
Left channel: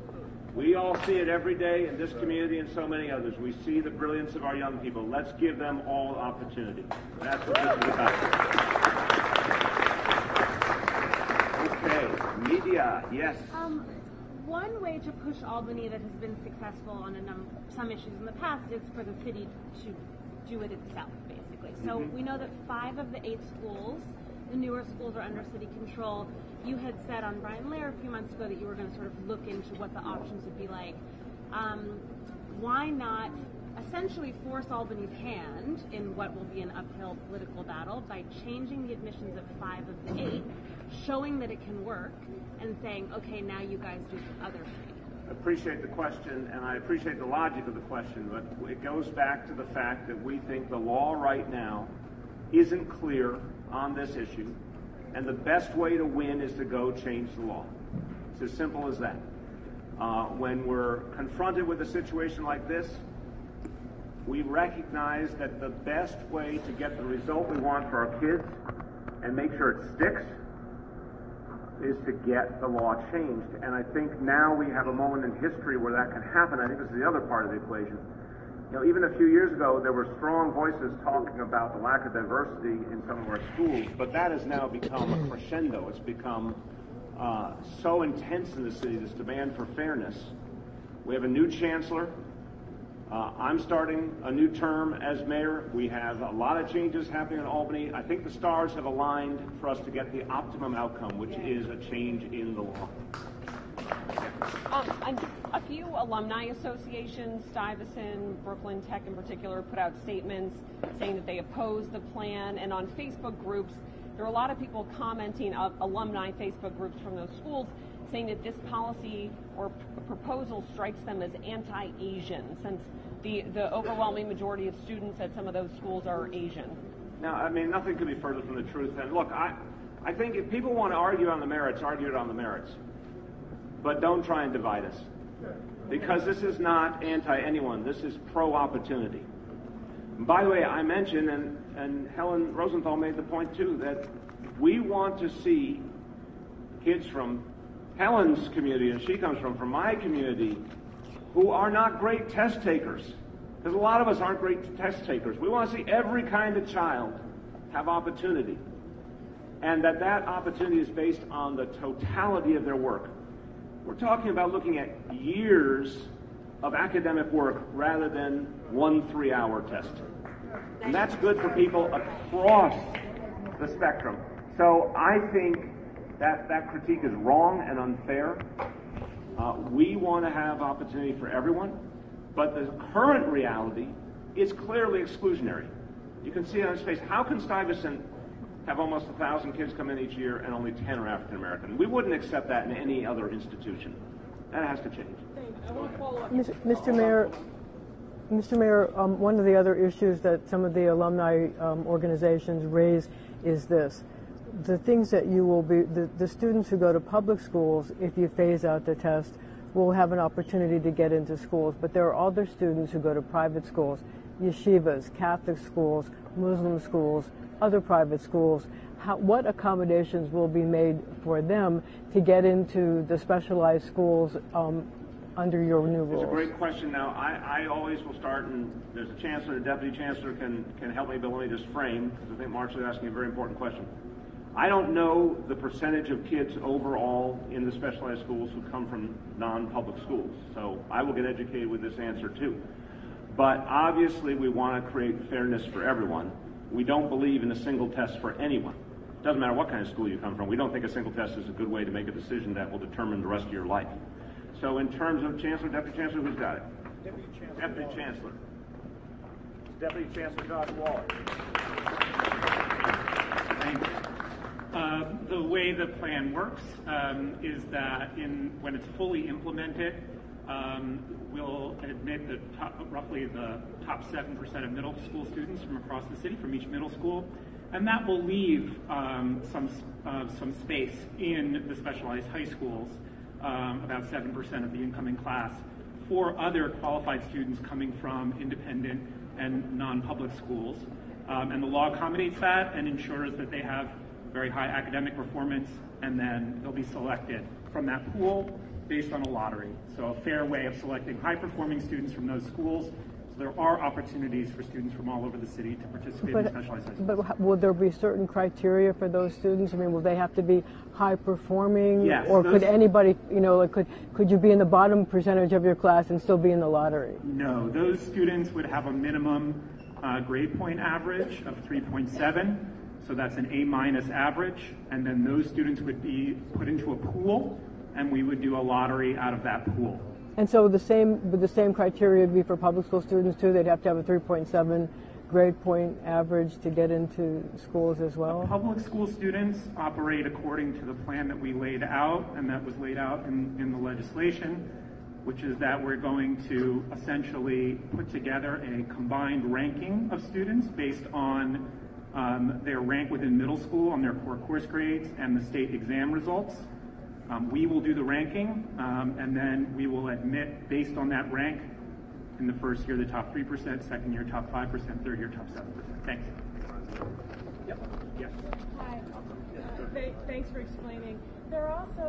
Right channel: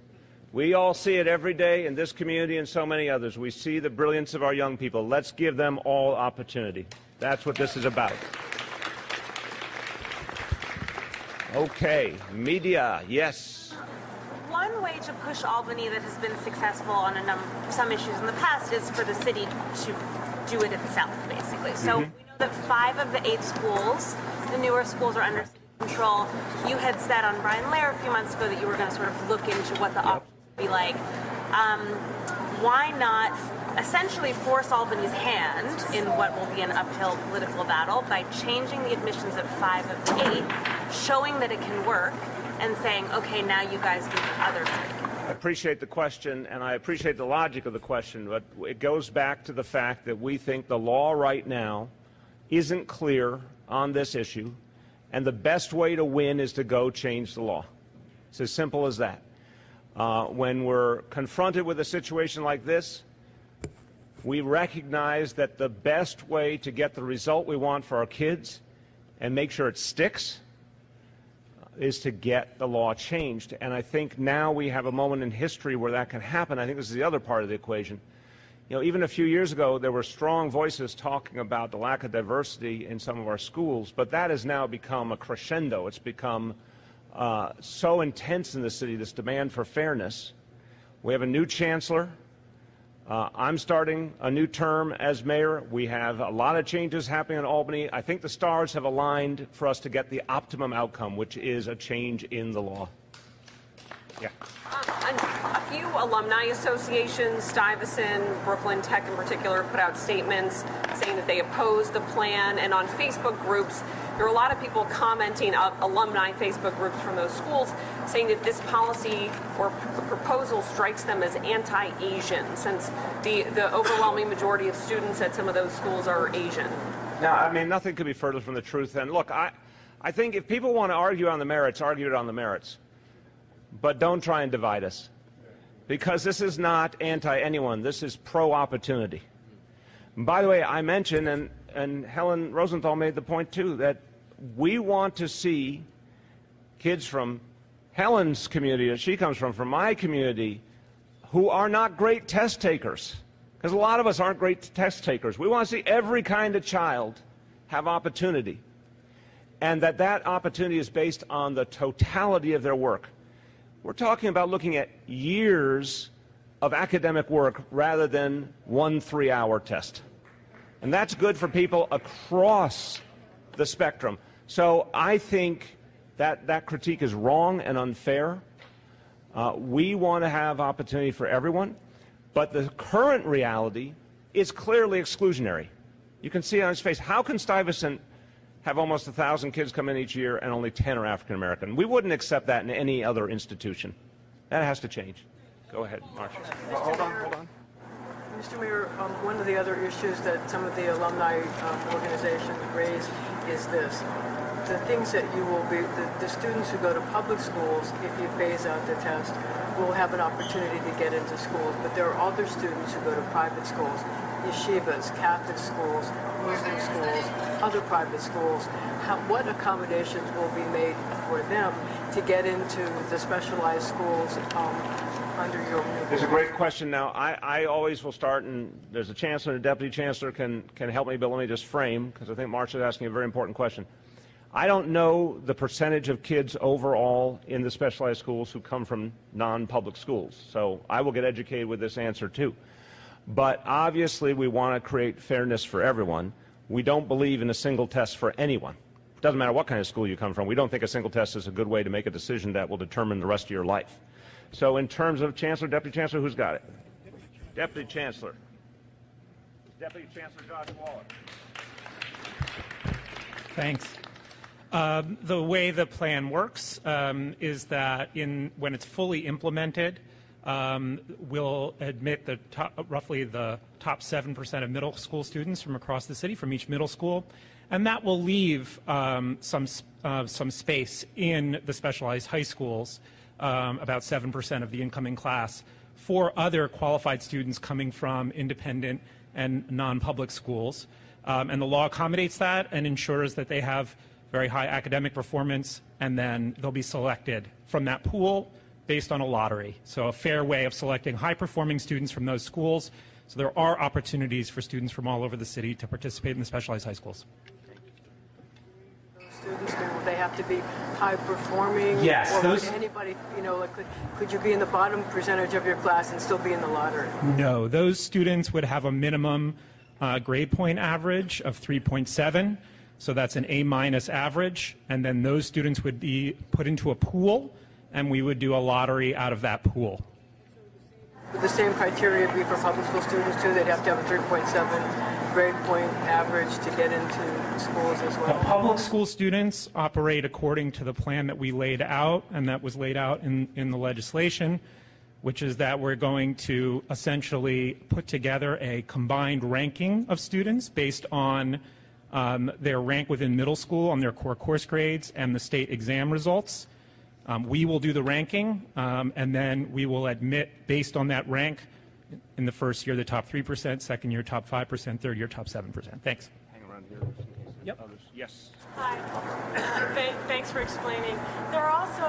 We all see it every day in this community and so many others. We see the brilliance of our young people. Let's give them all opportunity. That's what this is about. Okay, media, yes. One way to push Albany that has been successful on some issues in the past is for the city to do it itself, basically. So we know that 5 of the 8 schools, the newer schools, are under city control. You had said on Brian Lair a few months ago that you were going to sort of look into what the options would be like. Why not essentially force Albany's hand in what will be an uphill political battle by changing the admissions of 5 of the 8, showing that it can work, and saying, okay, now you guys do the other thing? I appreciate the question, and I appreciate the logic of the question, but it goes back to the fact that we think the law right now isn't clear on this issue, and the best way to win is to go change the law. It's as simple as that. When we're confronted with a situation like this, we recognize that the best way to get the result we want for our kids and make sure it sticks is to get the law changed. And I think now we have a moment in history where that can happen. I think this is the other part of the equation. You know, even a few years ago, there were strong voices talking about the lack of diversity in some of our schools, but that has now become a crescendo. It's become so intense in the city, this demand for fairness. We have a new chancellor. I'm starting a new term as mayor. We have a lot of changes happening in Albany. I think the stars have aligned for us to get the optimum outcome, which is a change in the law. Yeah. A few alumni associations, Stuyvesant, Brooklyn Tech in particular, put out statements saying that they oppose the plan, and on Facebook groups, there are a lot of people commenting, alumni Facebook groups from those schools, saying that this policy or proposal strikes them as anti-Asian, since the overwhelming majority of students at some of those schools are Asian. Now, I mean, nothing could be further from the truth. And look, I think if people want to argue on the merits, argue it on the merits. But don't try and divide us. Because this is not anti-anyone. This is pro-opportunity. By the way, I mentioned, and Helen Rosenthal made the point too, that we want to see kids from Helen's community, and she comes from my community, who are not great test takers. Because a lot of us aren't great test takers. We want to see every kind of child have opportunity. And that opportunity is based on the totality of their work. We're talking about looking at years of academic work rather than 1 3-hour test. And that's good for people across the spectrum. So I think that critique is wrong and unfair. We want to have opportunity for everyone, but the current reality is clearly exclusionary. You can see it on his face. How can Stuyvesant have almost 1,000 kids come in each year and only 10 are African American? We wouldn't accept that in any other institution. That has to change. Go ahead. Mr. Mayor, one of the other issues that some of the alumni organizations raise is this. The things that you will be, the students who go to public schools, if you phase out the test, will have an opportunity to get into schools. But there are other students who go to private schools, yeshivas, Catholic schools, Muslim schools, other private schools. What accommodations will be made for them to get into the specialized schools under your new board? It's a great question. Now, I always will start, and there's a chancellor, a deputy chancellor can help me, but let me just frame, because I think Marcia is asking a very important question. I don't know the percentage of kids overall in the specialized schools who come from non-public schools, so I will get educated with this answer too. But obviously we want to create fairness for everyone. We don't believe in a single test for anyone. It doesn't matter what kind of school you come from. We don't think a single test is a good way to make a decision that will determine the rest of your life. So in terms of Chancellor, Deputy Chancellor, who's got it? Deputy Chancellor. Deputy Chancellor Josh Wall. Thanks. The way the plan works is that when it's fully implemented, we'll admit roughly the top 7% of middle school students from across the city, from each middle school, and that will leave some space in the specialized high schools, about 7% of the incoming class, for other qualified students coming from independent and non-public schools. And the law accommodates that and ensures that they have very high academic performance, and then they'll be selected from that pool based on a lottery. So a fair way of selecting high-performing students from those schools. So there are opportunities for students from all over the city to participate in specialized high schools. But will there be certain criteria for those students? I mean, will they have to be high-performing? Yes. Or could anybody, you know, like could you be in the bottom percentage of your class and still be in the lottery? No, those students would have a minimum grade point average of 3.7. So that's an A- average, and then those students would be put into a pool, and we would do a lottery out of that pool. And so would the same criteria be for public school students too? They'd have to have a 3.7 grade point average to get into schools as well? The public school students operate according to the plan that we laid out, and that was laid out in the legislation, which is that we're going to essentially put together a combined ranking of students based on their rank within middle school on their core course grades and the state exam results. We will do the ranking, and then we will admit, based on that rank, in the first year the top 3%, second year top 5%, third year top 7%. Thanks. Yep. Yes. Hi. Thanks for explaining. There are also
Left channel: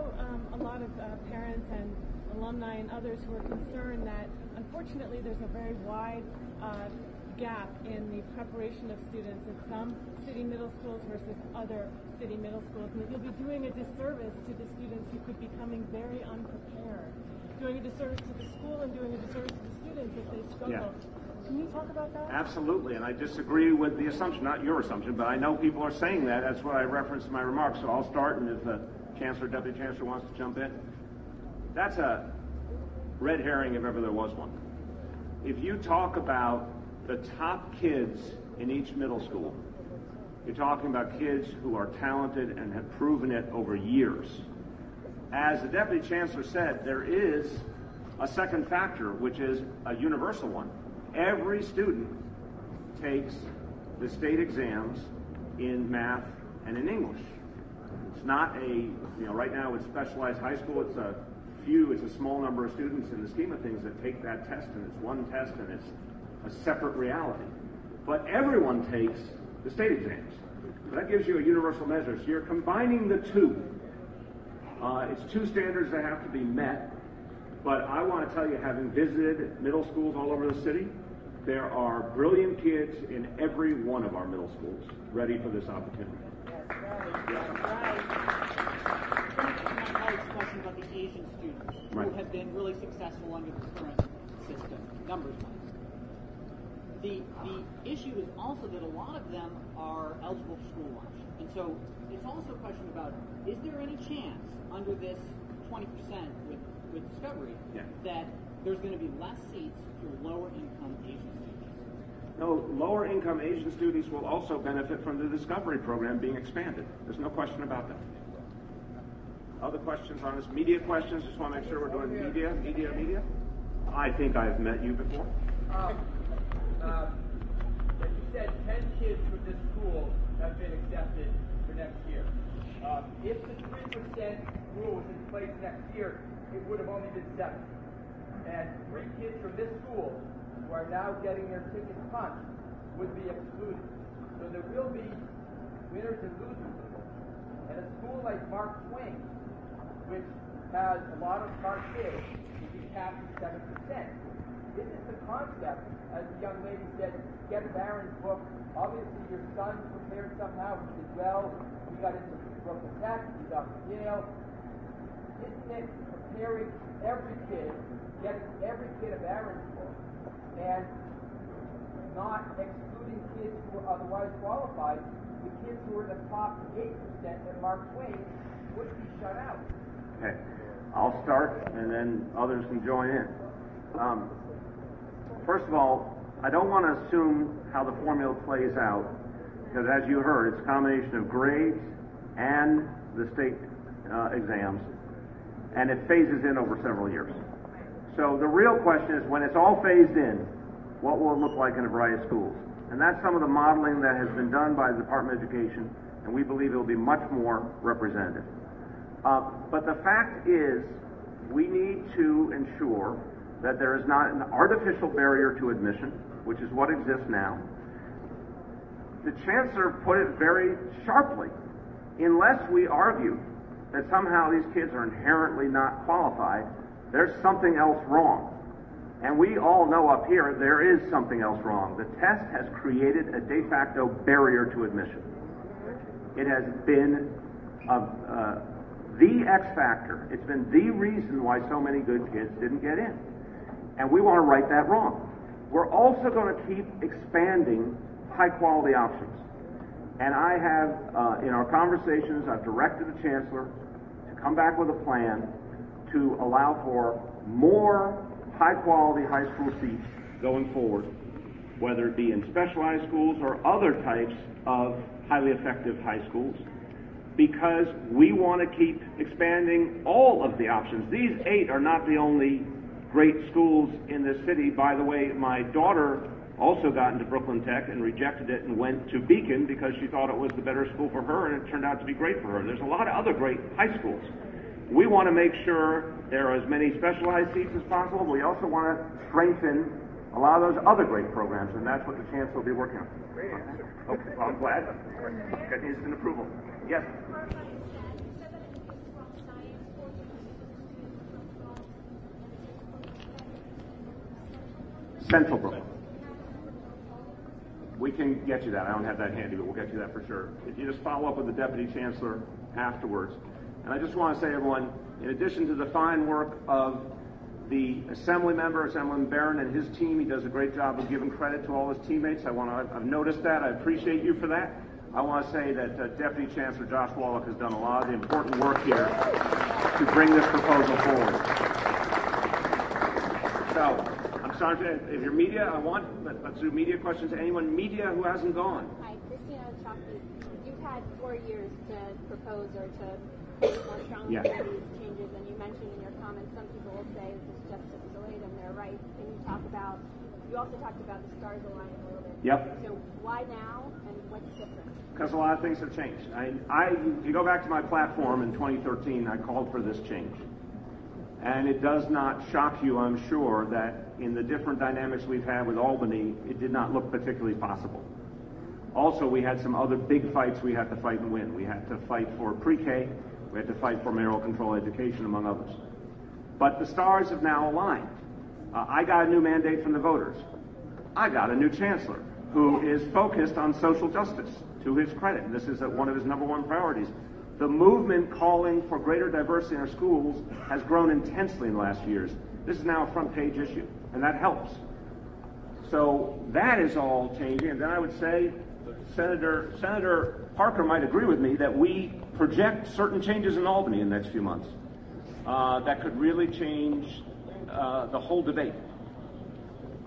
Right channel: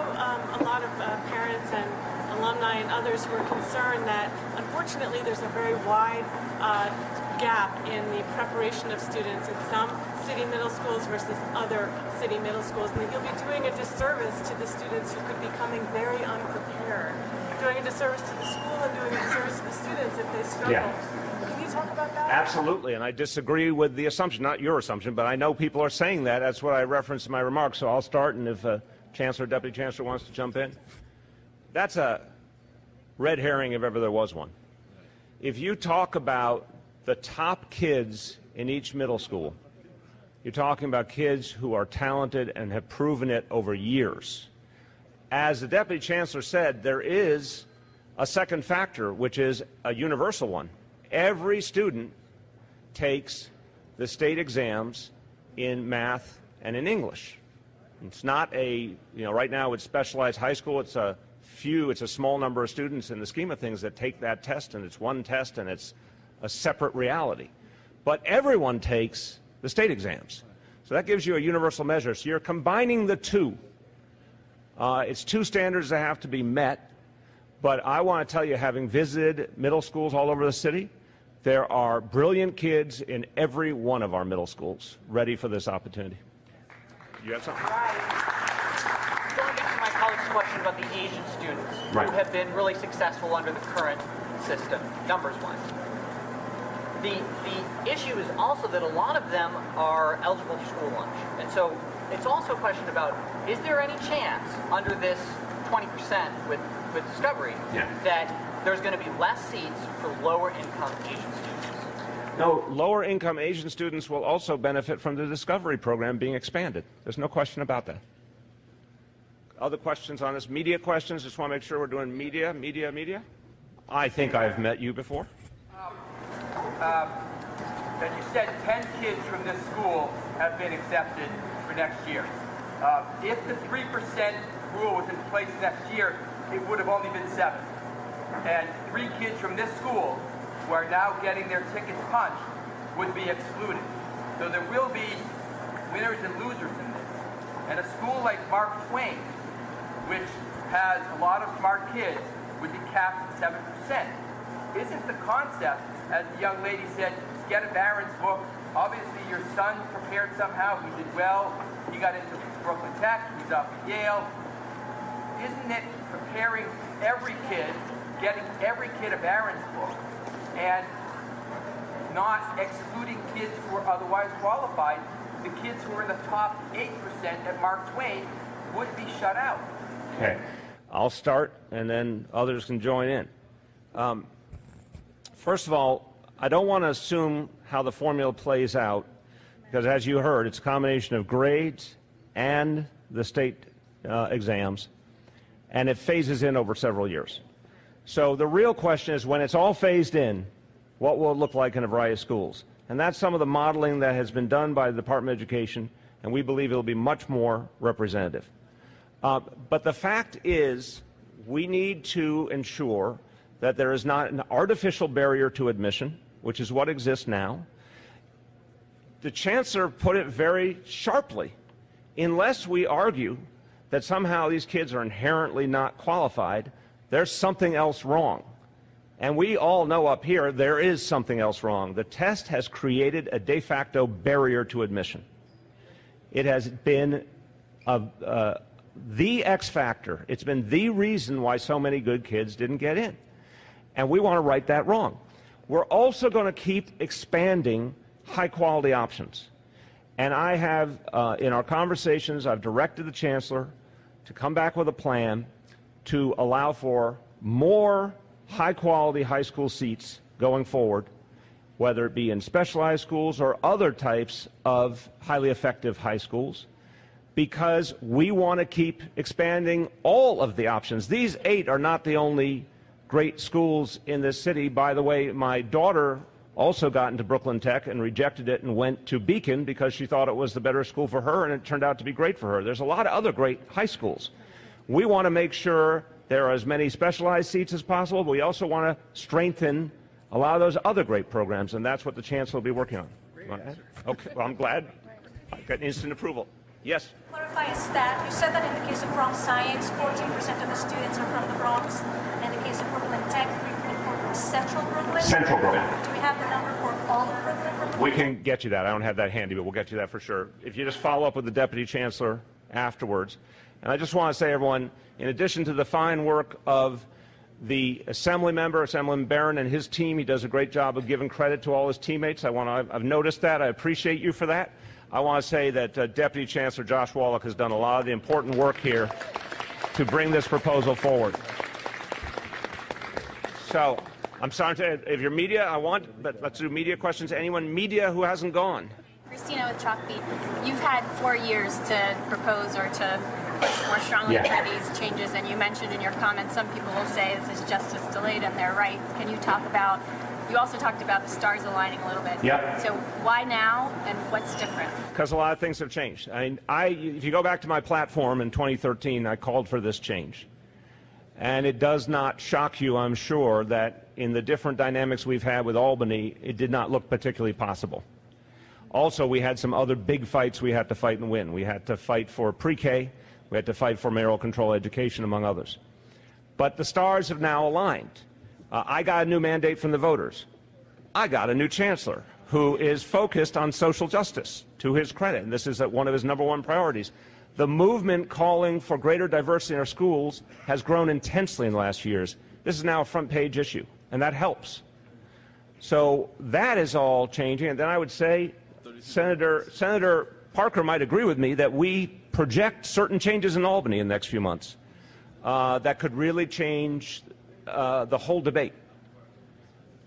a lot of parents and alumni and others who are concerned that, unfortunately, there's a very wide gap in the preparation of students in some city middle schools versus other city middle schools, and that you'll be doing a disservice to the students who could be coming very unprepared, doing a disservice to the school and doing a disservice to the students if they struggle. Yeah. Can you talk about that? Absolutely, and I disagree with the assumption, not your assumption, but I know people are saying that. That's what I referenced in my remarks, so I'll start, and if Chancellor, Deputy Chancellor wants to jump in. That's a red herring if ever there was one. If you talk about the top kids in each middle school, you're talking about kids who are talented and have proven it over years. As the Deputy Chancellor said, there is a second factor, which is a universal one. Every student takes the state exams in math and in English. It's not a, right now with specialized high school, it's a small number of students in the scheme of things that take that test, and it's one test and it's a separate reality. But everyone takes the state exams. So that gives you a universal measure. So you're combining the two. It's two standards that have to be met. But I want to tell you, having visited middle schools all over the city, there are brilliant kids in every one of our middle schools ready for this opportunity. You got something? I want to get to my colleague's question about the Asian students who have been really successful under the current system, numbers-wise. The issue is also that a lot of them are eligible for school lunch. And so it's also a question about, is there any chance under this 20% with Discovery that there's going to be less seats for lower income Asian students? No, lower income Asian students will also benefit from the Discovery program being expanded. There's no question about that. Other questions on this? Media questions? Just want to make sure we're doing media. I think I've met you before. That you said 10 kids from this school have been accepted for next year. If the 3% rule was in place next year, it would have only been 7. And 3 kids from this school who are now getting their tickets punched would be excluded. So there will be winners and losers in this. And a school like Mark Twain, which has a lot of smart kids, would be capped at 7%. Isn't the concept, as the young lady said, get a Barron's book? Obviously your son prepared somehow, he did well, he got into Brooklyn Tech, he's up at Yale. Isn't it preparing every kid, getting every kid a Barron's book, and not excluding kids who are otherwise qualified? The kids who are in the top 8% at Mark Twain would be shut out. Okay, I'll start and then others can join in. First of all, I don't want to assume how the formula plays out, because as you heard, it's a combination of grades and the state exams, and it phases in over several years. So the real question is, when it's all phased in, what will it look like in a variety of schools? And that's some of the modeling that has been done by the Department of Education, and we believe it will be much more representative. But the fact is, we need to ensure that there is not an artificial barrier to admission, which is what exists now. The Chancellor put it very sharply. Unless we argue that somehow these kids are inherently not qualified, there's something else wrong. And we all know up here there is something else wrong. The test has created a de facto barrier to admission. It has been the X factor. It's been the reason why so many good kids didn't get in. And we want to right that wrong. We're also going to keep expanding high-quality options. And I have, in our conversations, I've directed the Chancellor to come back with a plan to allow for more high-quality high school seats going forward, whether it be in specialized schools or other types of highly effective high schools, because we want to keep expanding all of the options. These 8 are not the only great schools in this city. By the way, my daughter also got into Brooklyn Tech and rejected it and went to Beacon because she thought it was the better school for her, and it turned out to be great for her. There's a lot of other great high schools. We want to make sure there are as many specialized seats as possible, but we also want to strengthen a lot of those other great programs, and that's what the Chancellor will be working on. Okay, well, I'm glad. Got instant approval. Yes? Clarify a stat. You said that in the case of Bronx Science, 14% of the students are from the Bronx. In the case of Brooklyn Tech, 3.4 from Central Brooklyn. Central Brooklyn. Do we have the number for all of Brooklyn? We can get you that. I don't have that handy, but we'll get you that for sure. If you just follow up with the Deputy Chancellor afterwards. And I just want to say, everyone, in addition to the fine work of the Assemblyman Barron and his team, he does a great job of giving credit to all his teammates. I've noticed that. I appreciate you for that. I want to say that Deputy Chancellor Josh Wallach has done a lot of the important work here to bring this proposal forward. So, I'm sorry if you're media, let's do media questions. Anyone media who hasn't gone? Hi, Christina with Chalkbeat. You've had 4 years to propose or to push more strongly for these changes, and you mentioned in your comments some people will say this is justice delayed, and they're right. Can you talk about, you also talked about the stars aligning a little bit. Yeah. So why now, and what's different? Because a lot of things have changed. If you go back to my platform in 2013, I called for this change. And it does not shock you, I'm sure, that in the different dynamics we've had with Albany, it did not look particularly possible. Also, we had some other big fights we had to fight and win. We had to fight for pre-K, we had to fight for mayoral control education, among others. But the stars have now aligned. I got a new mandate from the voters. I got a new chancellor who is focused on social justice, to his credit. This is one of his #1 priorities. The movement calling for greater diversity in our schools has grown intensely in the last few years. This is now a front-page issue, and that helps. So that is all changing. And then I would say Senator Parker might agree with me that we project certain changes in Albany in the next few months that could really change the whole debate.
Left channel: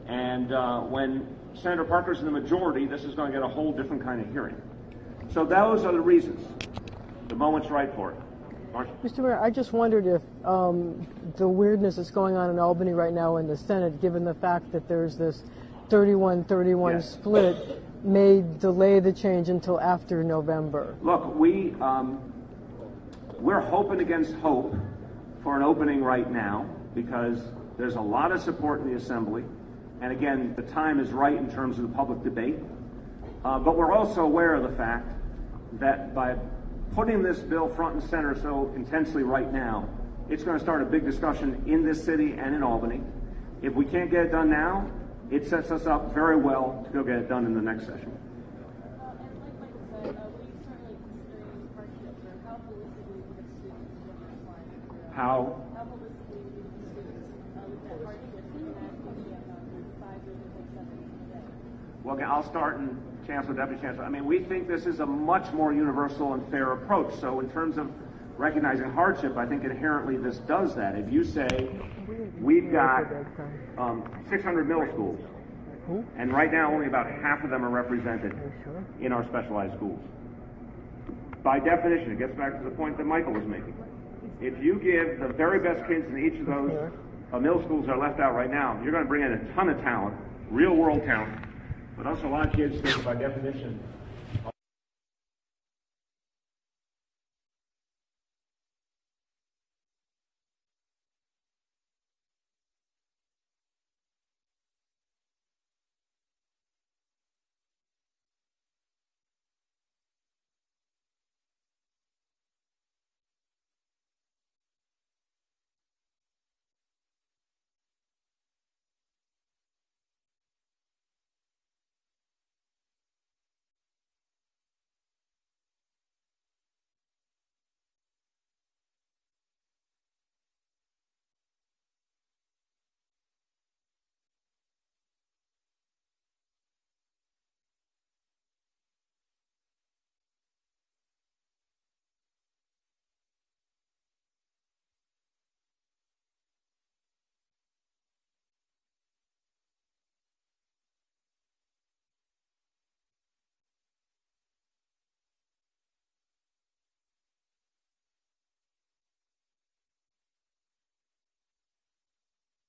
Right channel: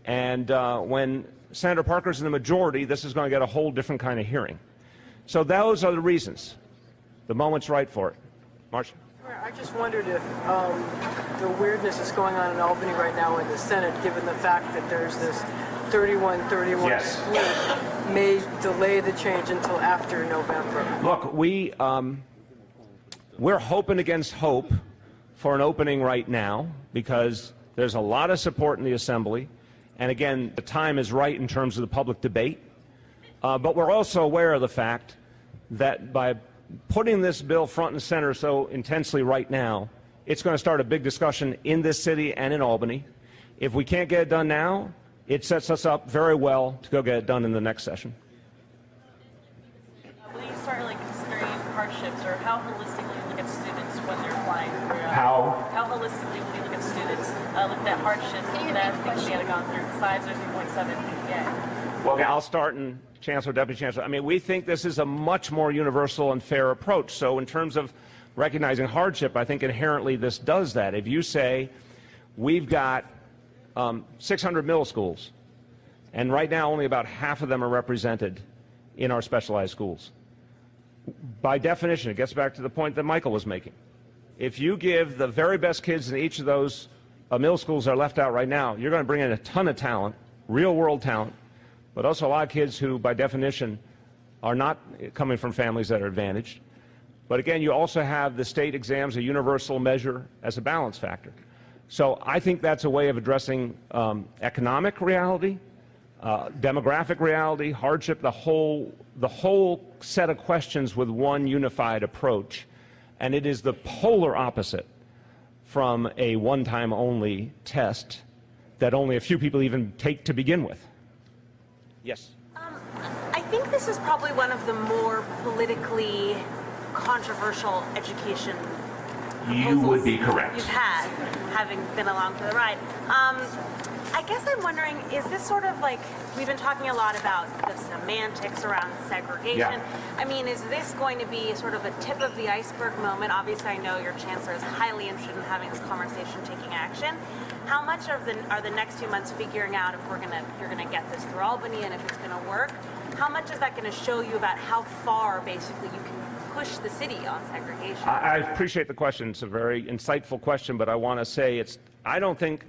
And when Senator Parker's in the majority, this is going to get a whole different kind of hearing. So those are the reasons. The moment's right for it. Marcia? Mr. Mayor, I just wondered if the weirdness that's going on in Albany right now in the Senate, given the fact that there's this 31-31 split, may delay the change until after November. Look, we're hoping against hope for an opening right now because there's a lot of support in the Assembly. And again, the time is right in terms of the public debate. But we're also aware of the fact that by putting this bill front and center so intensely right now, it's going to start a big discussion in this city and in Albany. If we can't get it done now, it sets us up very well to go get it done in the next session. Will you start considering hardships, or how holistically you look at students when they're applying for How holistically will you look at students, look at hardships that things they have gone through besides their 3.7 GPA? Well, okay, I'll start, and Chancellor, Deputy Chancellor. I mean, we think this is a much more universal and fair approach. So in terms of recognizing hardship, I think inherently this does that. If you say we've got 600 middle schools, and right now only about half of them are represented in our specialized schools. By definition, it gets back to the point that Michael was making. If you give the very best kids in each of those middle schools that are left out right now, you're going to bring in a ton of talent, real-world talent, but also a lot of kids who, by definition, are not coming from families that are advantaged. But again, you also have the state exams, a universal measure, as a balance factor. So I think that's a way of addressing economic reality, demographic reality, hardship, the whole set of questions with one unified approach. And it is the polar opposite from a one-time only test that only a few people even take to begin with. Yes. I think this is probably one of the more politically controversial education You would be correct. you've had, having been along for the ride. I guess I'm wondering, is this sort of like, we've been talking a lot about the semantics around segregation. Yeah. I mean, is this going to be sort of a tip of the iceberg moment? Obviously, I know your chancellor is highly interested in having this conversation, taking action. How much are the next few months figuring out if you're gonna get this through Albany and if it's gonna work? How much is that gonna show you about how far basically you can push the city on segregation? I appreciate the question. It's a very insightful question, but I want to say I don't think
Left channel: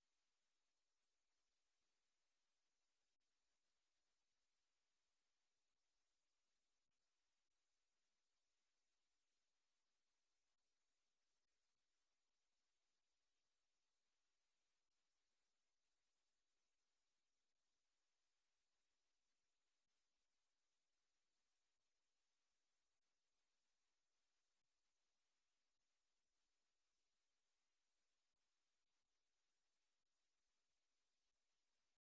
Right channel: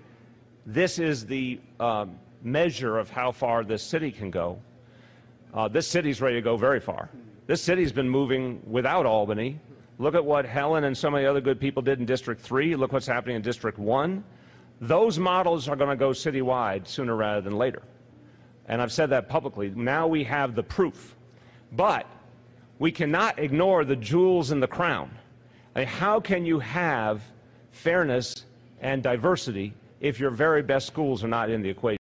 this is the measure of how far this city can go. This city's ready to go very far. This city's been moving without Albany. Look at what Helen and so many other good people did in District 3. Look what's happening in District 1. Those models are going to go citywide sooner rather than later. And I've said that publicly. Now we have the proof. But we cannot ignore the jewels in the crown. I mean, how can you have fairness and diversity if your very best schools are not in the equation?